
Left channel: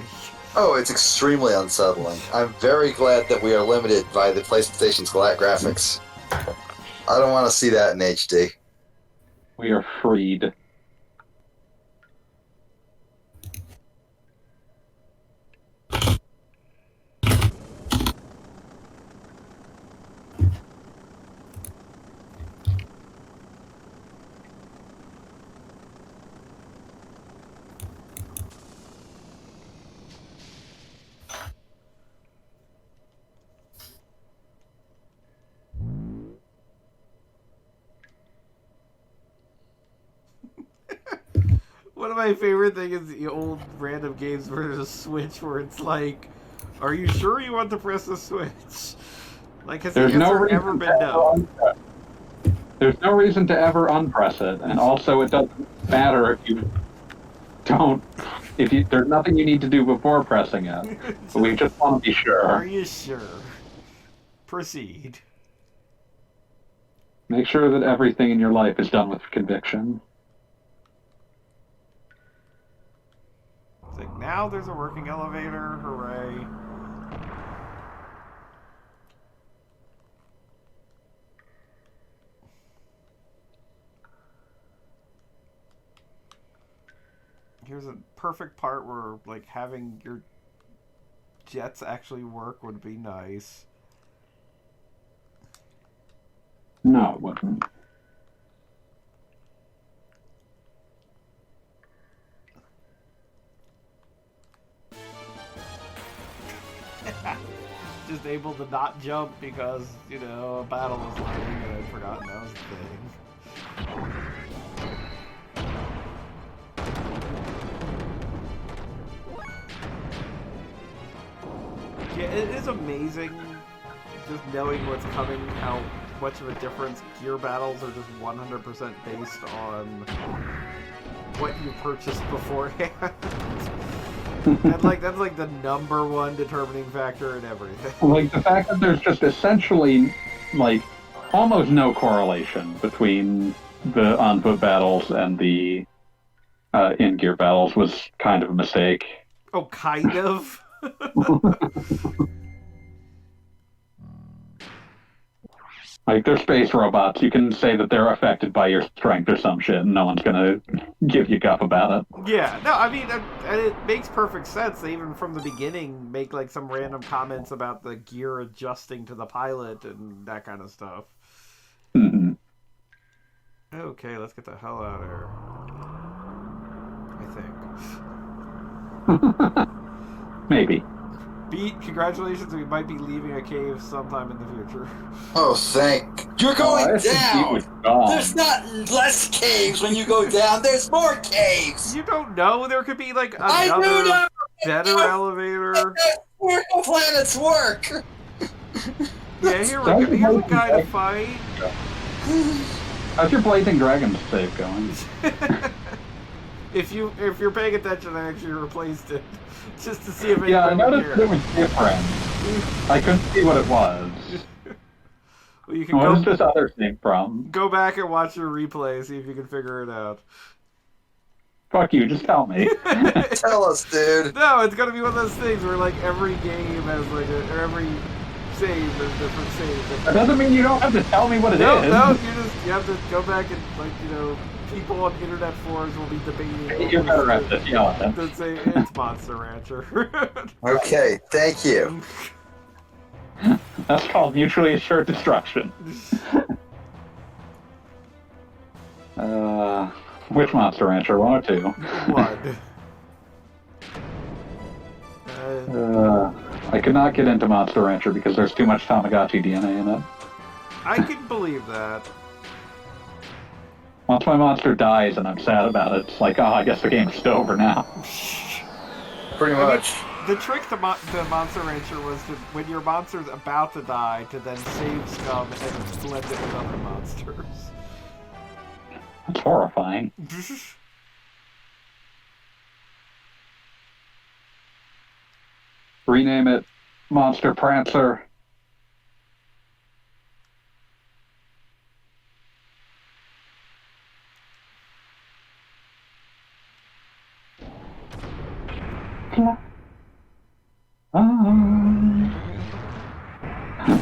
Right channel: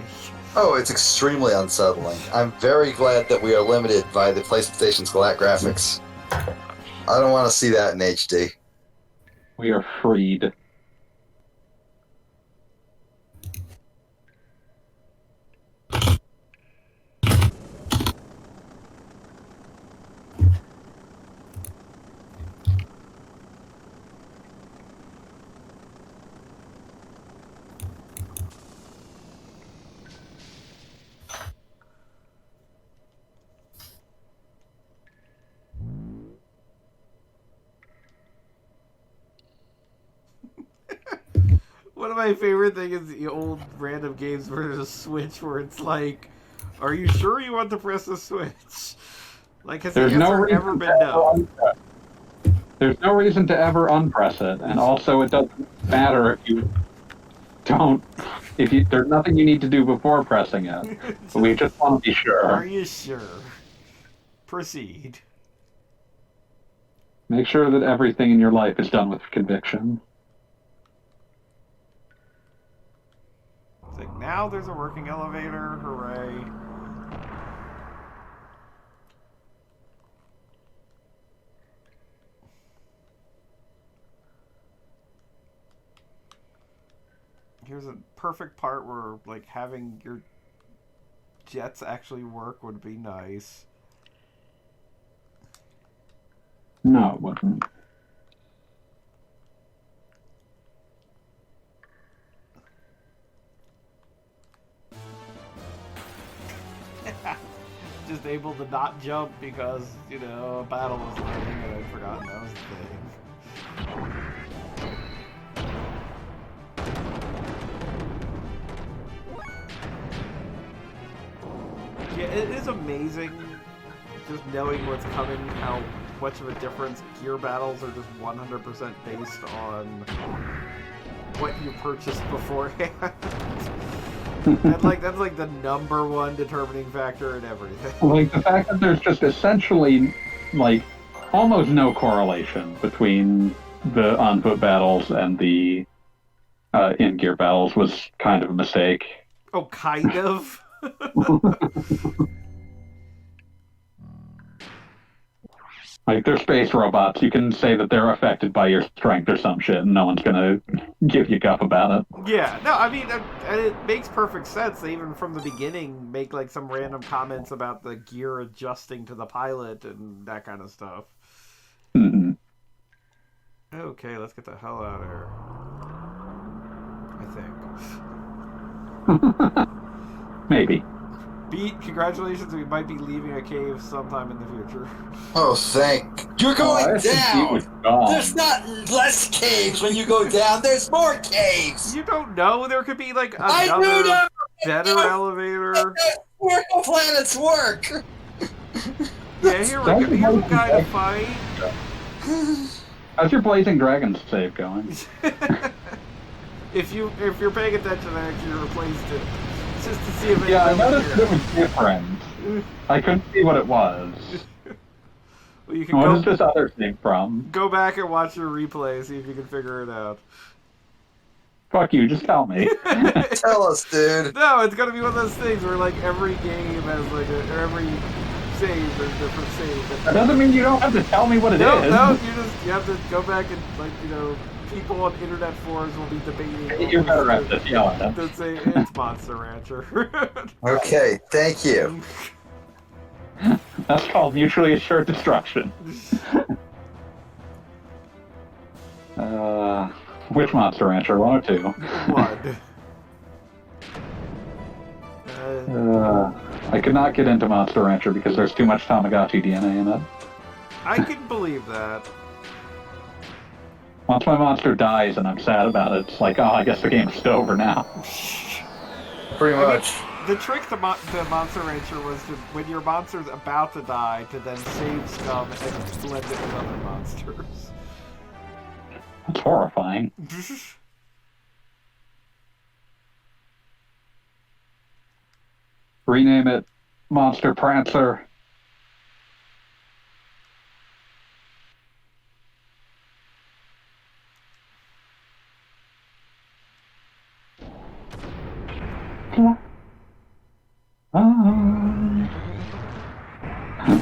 Oh, it's extremely unsettling. I'm very glad that we are limited by the PlayStation's graphics. I don't want to see that in HD. We are freed. One of my favorite things is the old random games where there's a switch where it's like, are you sure you want to press the switch? Like, has the There's no answer reason ever to been ever no? unpress. There's no reason to ever unpress it, and also it doesn't matter if you don't. There's nothing you need to do before pressing it. We just want to be Are sure. you sure? Proceed. Make sure that everything in your life is done with conviction. It's like, now there's a working elevator, hooray. Here's a perfect part where, like, having your jets actually work would be nice. No, it wasn't. Just able to not jump because, you know, a battle was loading and I'd forgotten that was a thing. Yeah, it is amazing just knowing what's coming, how much of a difference gear battles are just 100% based on what you purchased beforehand. And like that's like the number one determining factor in everything. Like the fact that there's just essentially like almost no correlation between the on-foot battles and the in Gear Battles was kind of a mistake. Oh, kind of. Like, they're space robots. You can say that they're affected by your strength or some shit, and no one's gonna give you guff about it. Yeah, no, I mean, and it makes perfect sense. They even from the beginning make like some random comments about the gear adjusting to the pilot and that kind of stuff. Hmm. Okay, let's get the hell out of here. I think. Maybe. Beat, congratulations. We might be leaving a cave sometime in the future. Oh, thank. You're going down! There's not less caves when you go down, there's more caves! You don't know. There could be like I do another know! better elevator. Where do planets work? Yeah, here we go. Here's a guy to fight. How's your Blazing Dragons save going? If you're paying attention, I actually replaced it just to see if it. Yeah, I noticed it was different. I couldn't see what it was. Well, you can What is this other thing from? go back and watch your replay, see if you can figure it out. Fuck you, just tell me. Tell us, dude. No, it's gonna be one of those things where like every game has like or every save is different save. That doesn't mean you don't have to tell me what it is. No, you have to go back and like people on internet forums will be debating. You're better at this, yeah. To say it's Monster Rancher. Okay, thank you. That's called mutually assured destruction. Which Monster Rancher? 1 or 2? One. I could not get into Monster Rancher because there's too much Tamagotchi DNA in it. I can believe that. Once my monster dies and I'm sad about it, it's like, oh, I guess the game's just over now. Pretty much. The trick to Monster Rancher was to, when your monster's about to die, to then save scum and blend it with other monsters. That's horrifying. Rename it Monster Prancer.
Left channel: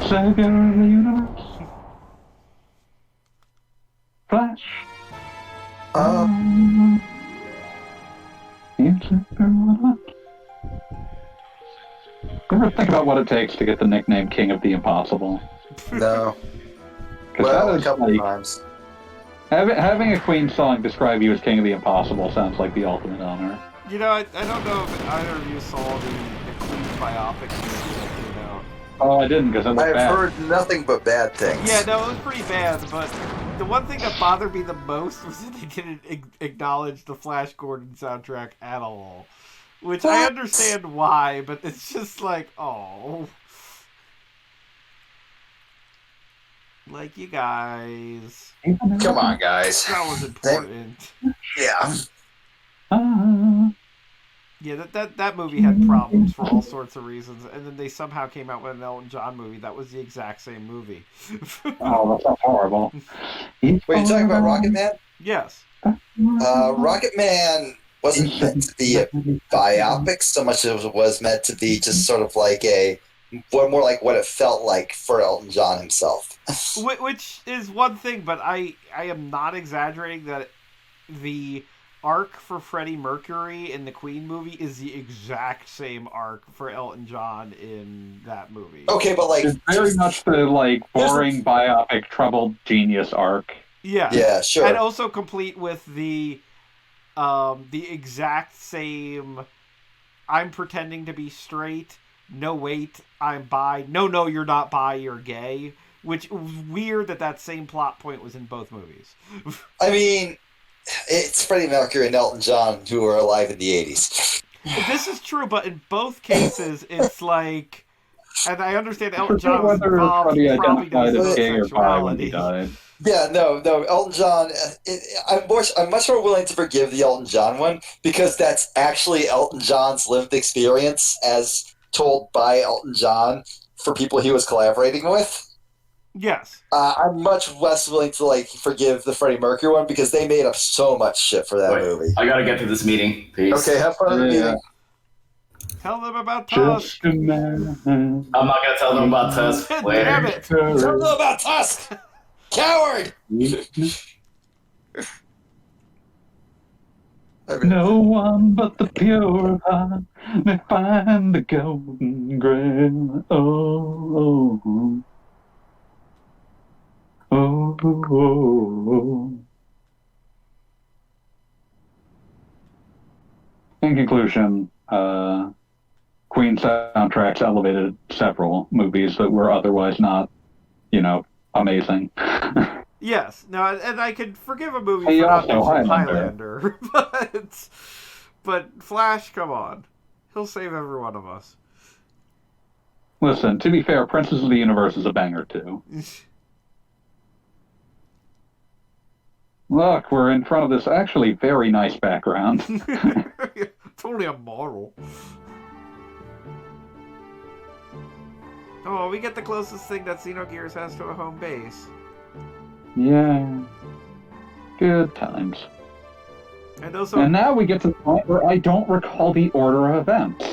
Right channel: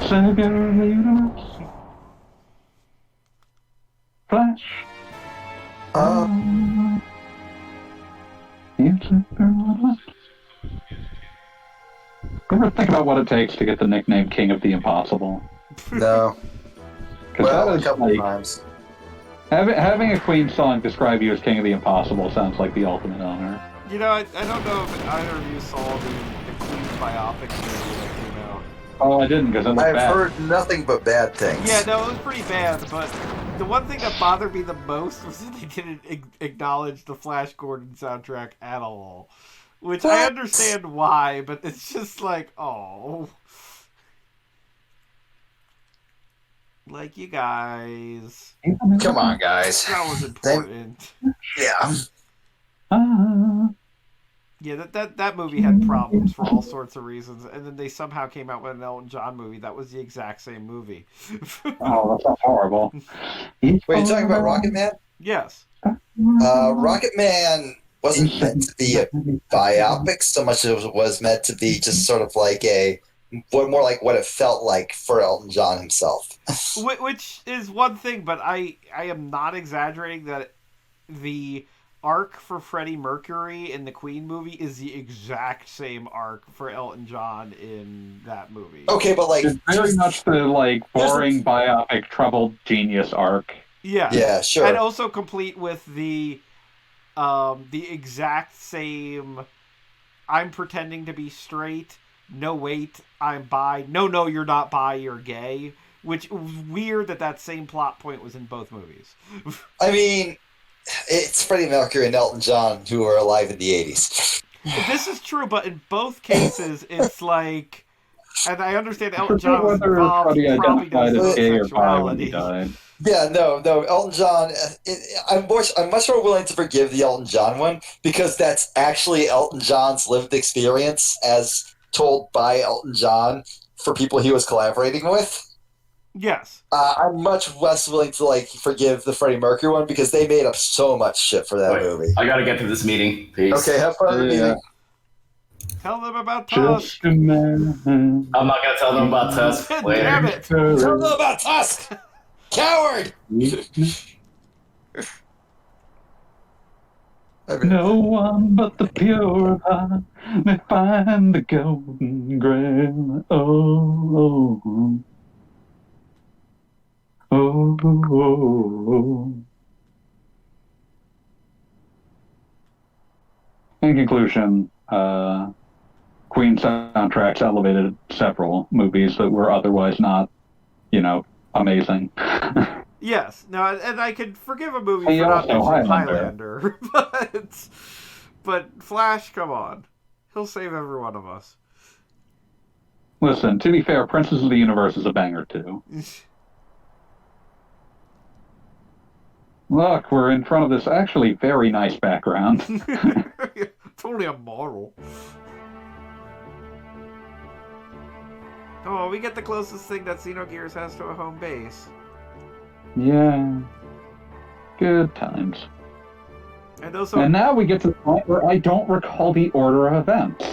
Savior of the universe. Flash. Ever think about what it takes to get the nickname King of the Impossible? No. 'Cause Well, that a is couple like, times. having a Queen song describe you as King of the Impossible sounds like the ultimate honor. You know, I don't know if either of you saw the Queen biopic movie that came out. Oh, I didn't because it looked I've bad. heard nothing but bad things. Yeah, no, it was pretty bad, but the one thing that bothered me the most was that they didn't acknowledge the Flash Gordon soundtrack at all. Which I understand why, but it's just like, oh. Like, you guys. Come on, guys. That was important. Yeah. Yeah, that movie had problems for all sorts of reasons, and then they somehow came out with an Elton John movie that was the exact same movie. Oh, that's horrible. Wait, you're talking about Rocket Man? Yes. Rocket Man wasn't meant to be a biopic so much as it was meant to be just sort of like more like what it felt like for Elton John himself. Which is one thing, but I am not exaggerating that the arc for Freddie Mercury in the Queen movie is the exact same arc for Elton John in that movie. Okay, but like It's very much the like boring biopic troubled genius arc. Yeah. Yeah, sure. And also complete with the exact same I'm pretending to be straight. No, wait, I'm bi. No, you're not bi, you're gay. Which was weird that same plot point was in both movies. I mean, it's Freddie Mercury and Elton John who were alive in the 80s. This is true, but in both cases, it's like, and I understand Elton John was involved, Freddie probably identified does as gay or bi when he sexuality. died. Yeah, no, Elton John. I'm much more willing to forgive the Elton John one because that's actually Elton John's lived experience as told by Elton John for people he was collaborating with. Yes. I'm much less willing to like forgive the Freddie Mercury one because they made up so much shit for that Wait, movie. I gotta get to this meeting. Peace. Okay, have fun at the meeting. Tell them about Just Tusk. a man. I'm not gonna tell them about Tusk. Damn Later. it! Tell them about Tusk! Coward! No one but the pure heart may find the golden grail. Oh, oh, oh, oh. In conclusion, Queen soundtracks elevated several movies that were otherwise not, amazing. Yes. No, and I could forgive a movie Hey, for not also mentioning Highlander. Highlander, but Flash, come on, he'll save every one of us. Listen, to be fair, Princess of the Universe is a banger too. Look, we're in front of this actually very nice background. It's only a model. Oh, we get the closest thing that Xenogears has to a home base. Yeah. Good times. And also, And now we get to the point where I don't recall the order of events.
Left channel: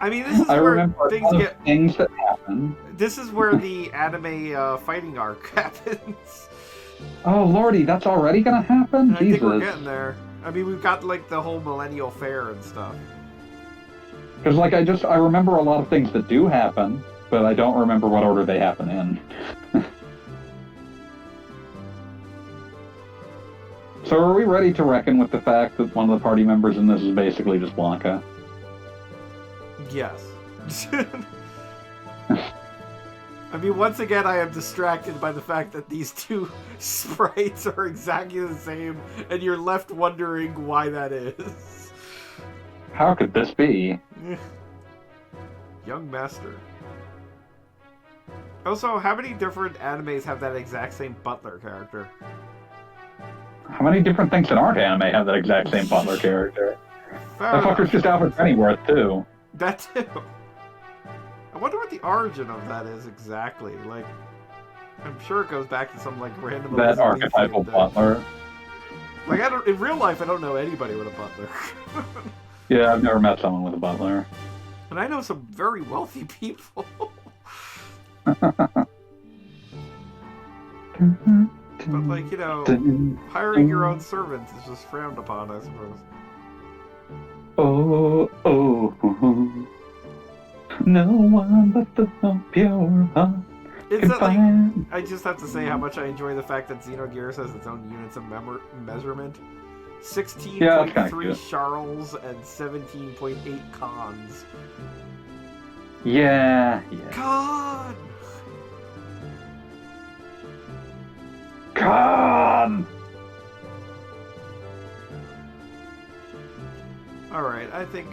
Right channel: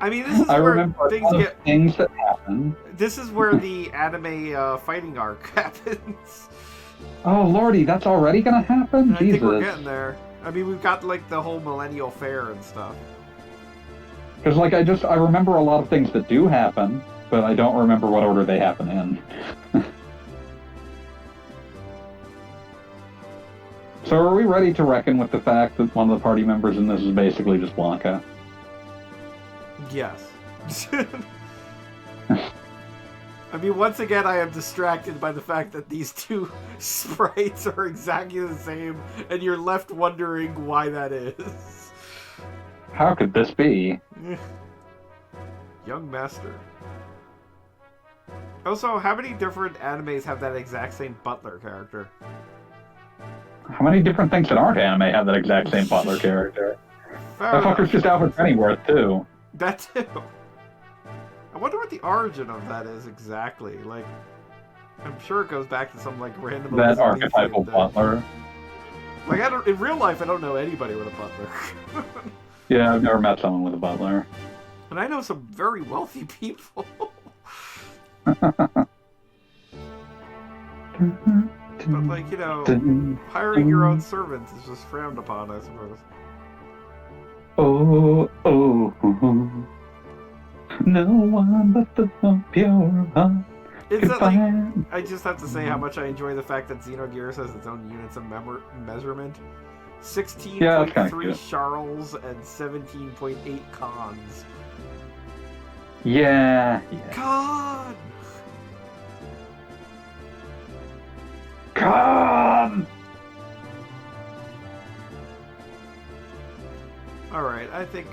I mean, this is I where remember things get. things that happen. This is where the anime fighting arc happens. Oh lordy, that's already gonna happen? And I Jesus. think we're getting there. I mean, we've got like the whole Millennial Fair and stuff. Because like I remember a lot of things that do happen, but I don't remember what order they happen in. So are we ready to reckon with the fact that one of the party members in this is basically just Blanca? Yes. I mean, once again, I am distracted by the fact that these two sprites are exactly the same, and you're left wondering why that is. How could this be? Young Master. Also, how many different animes have that exact same butler character? How many different things that aren't anime have that exact same butler character? Fair That enough. fucker's just Alfred Pennyworth, too. That too. I wonder what the origin of that is exactly. Like, I'm sure it goes back to some like random That Elizabethan archetypal thing. butler. Like, I don't. In real life, I don't know anybody with a butler. Yeah, I've never met someone with a butler. And I know some very wealthy people. But like, hiring your own servants is just frowned upon, I suppose. Oh, no one but the pure heart. It's not like, I just have to say how much I enjoy the fact that Xenogears has its own units of measurement. 16.3 Charles and 17.8 Cons. Yeah. Con! Come! Alright, I think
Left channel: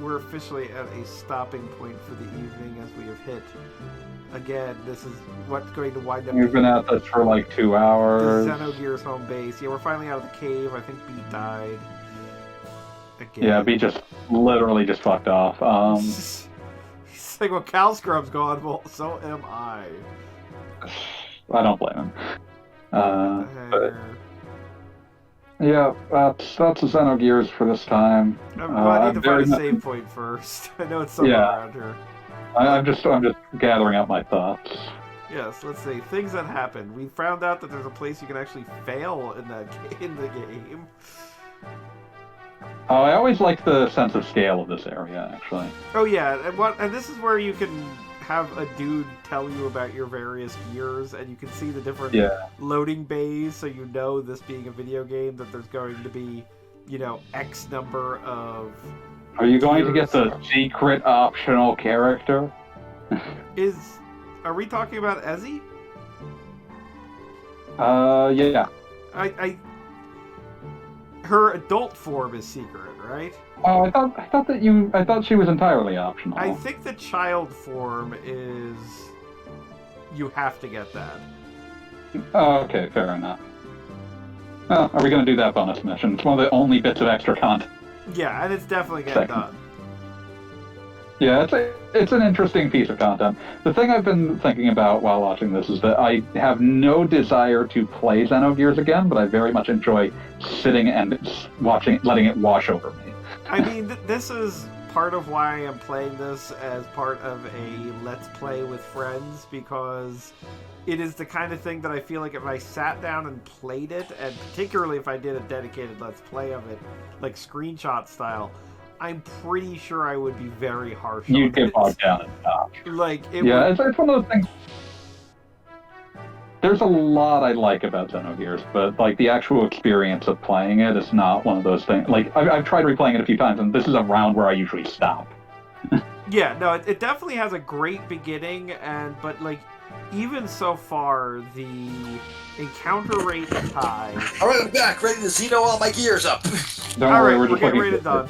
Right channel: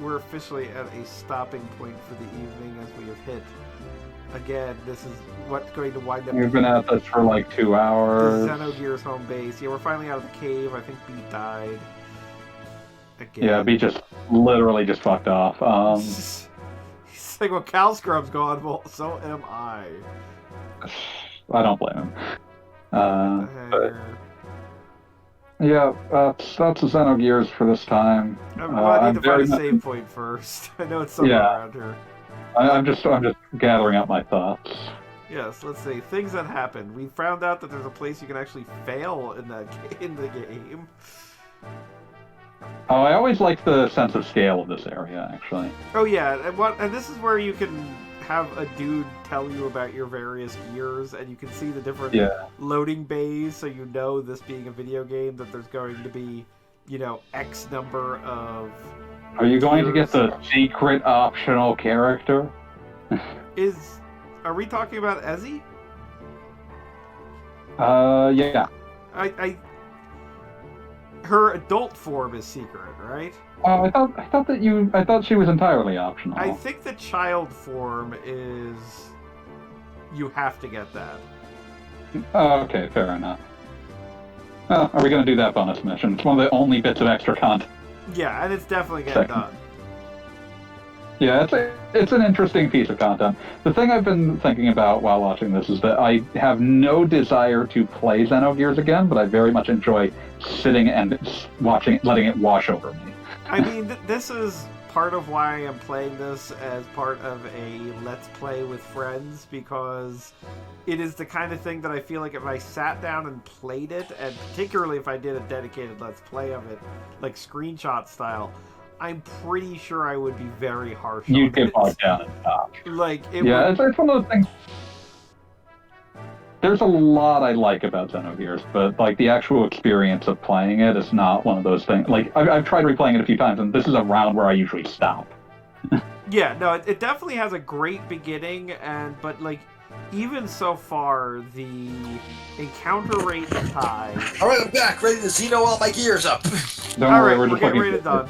we're officially at a stopping point for the evening as we have hit. Again, this is what's going to wind up We've been at this for like 2 hours. the Xenogears home base. Yeah, we're finally out of the cave. I think Beat died. Again. Yeah, B just literally just fucked off. He's like, well, Cal Scrub's gone. Well, so am I. I don't blame him. But, Heck. yeah, that's the Xenogears for this time. I need to find a very save point first. I know it's somewhere around here. I'm just gathering up my thoughts. Yes, let's see. Things that happen. We found out that there's a place you can actually fail in the game. Oh, I always like the sense of scale of this area, actually. Oh yeah, and this is where you can have a dude tell you about your various gears, and you can see the different loading bays, so you know, this being a video game, that there's going to be, X number of. Are you going to get the secret optional character? Are we talking about Ezzy? Yeah. Her adult form is secret, right? Oh, I thought she was entirely optional. I think the child form is. You have to get that. Oh, okay, fair enough. Are we going to do that bonus mission? It's one of the only bits of extra content. Yeah, and it's definitely getting done. Yeah, it's an interesting piece of content. The thing I've been thinking about while watching this is that I have no desire to play Xenogears again, but I very much enjoy sitting and watching, letting it wash over me. I mean, this is part of why I am playing this as part of a Let's Play with friends, because it is the kind of thing that I feel like if I sat down and played it, and particularly if I did a dedicated Let's Play of it, like screenshot style, I'm pretty sure I would be very harsh on it. You'd get bogged down and stop. Like, it Yeah, would... it's one of those things. There's a lot I like about Xenogears, but like the actual experience of playing it is not one of those things. Like I've tried replaying it a few times, and this is a round where I usually stop. Yeah, no, it definitely has a great beginning, but like even so far, the encounter rate is high. All right, I'm back, ready to Xeno all my gears up. All right, we're just getting looking ready to done.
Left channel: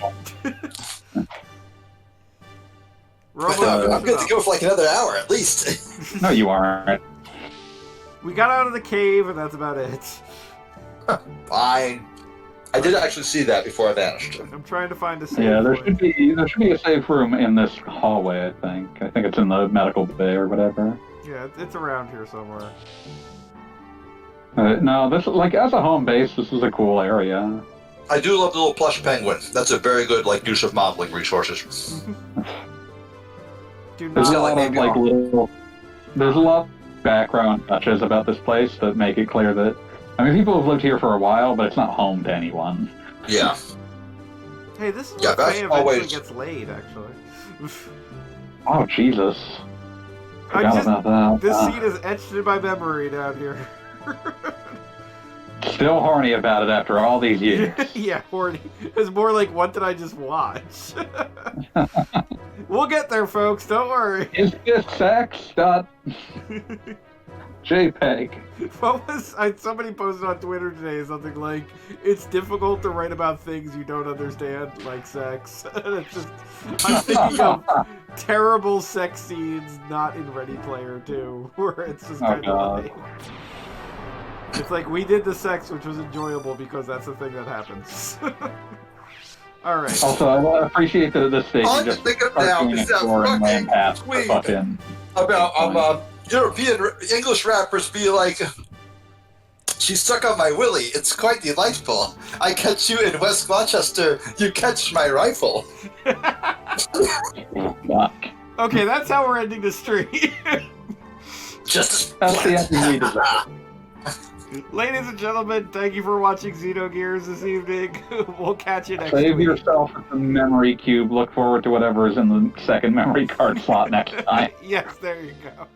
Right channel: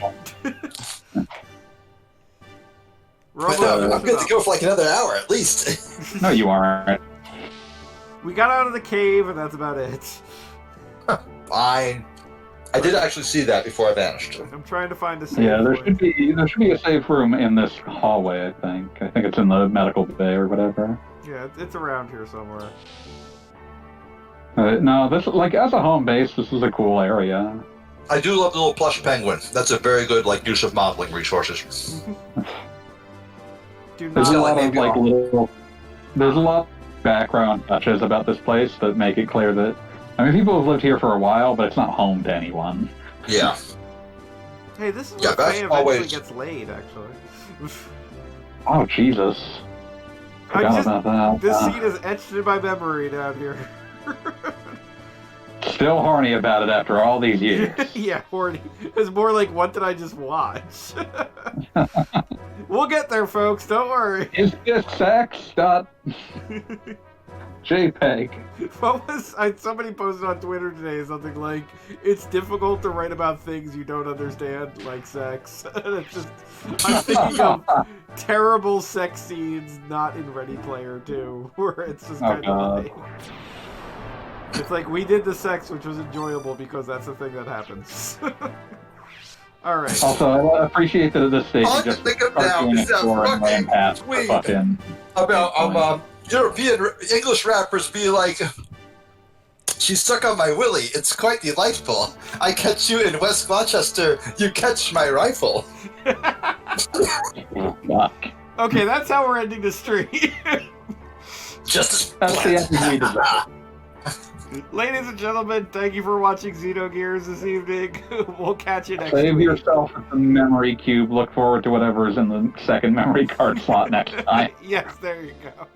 I'm good to go for like another hour at least. No, you aren't. We got out of the cave, and that's about it. Fine. I did actually see that before I vanished. I'm trying to find a save. Yeah, there point. should be a safe room in this hallway. I think it's in the medical bay or whatever. Yeah, it's around here somewhere. No, this like as a home base, this is a cool area. I do love the little plush penguin. That's a very good use of modeling resources. Do There's a not lot let of me like go. little. There's a lot of background touches about this place that make it clear that people have lived here for a while, but it's not home to anyone. Yeah. Hey, this is Yeah, where that's Faye eventually always- gets laid, actually. Oh Jesus! Forgot about that. This scene is etched in my memory down here. Still horny about it after all these years. Yeah, horny. It's more like, what did I just watch? We'll get there, folks. Don't worry. Is this sex? JPEG. What was somebody posted on Twitter today something like, it's difficult to write about things you don't understand, like sex. And it's just, I'm thinking of terrible sex scenes not in Ready Player 2, where it's just kind of like, it's like, we did the sex, which was enjoyable because that's the thing that happens. Alright. Also, I appreciate that at this stage All I you can just think of start now doing is it that for and fucking past the tweet fucking about European English rappers being like, she's stuck on my willy. It's quite delightful. I catch you in West Gloucester. You catch my rifle. fuck. Okay, that's how we're ending the stream. Just That's the ending we deserve. Ladies and gentlemen, thank you for watching Xenogears this evening. We'll catch you next Save week. yourself the memory cube. Look forward to whatever is in the second memory card slot next time. Yes, there you go.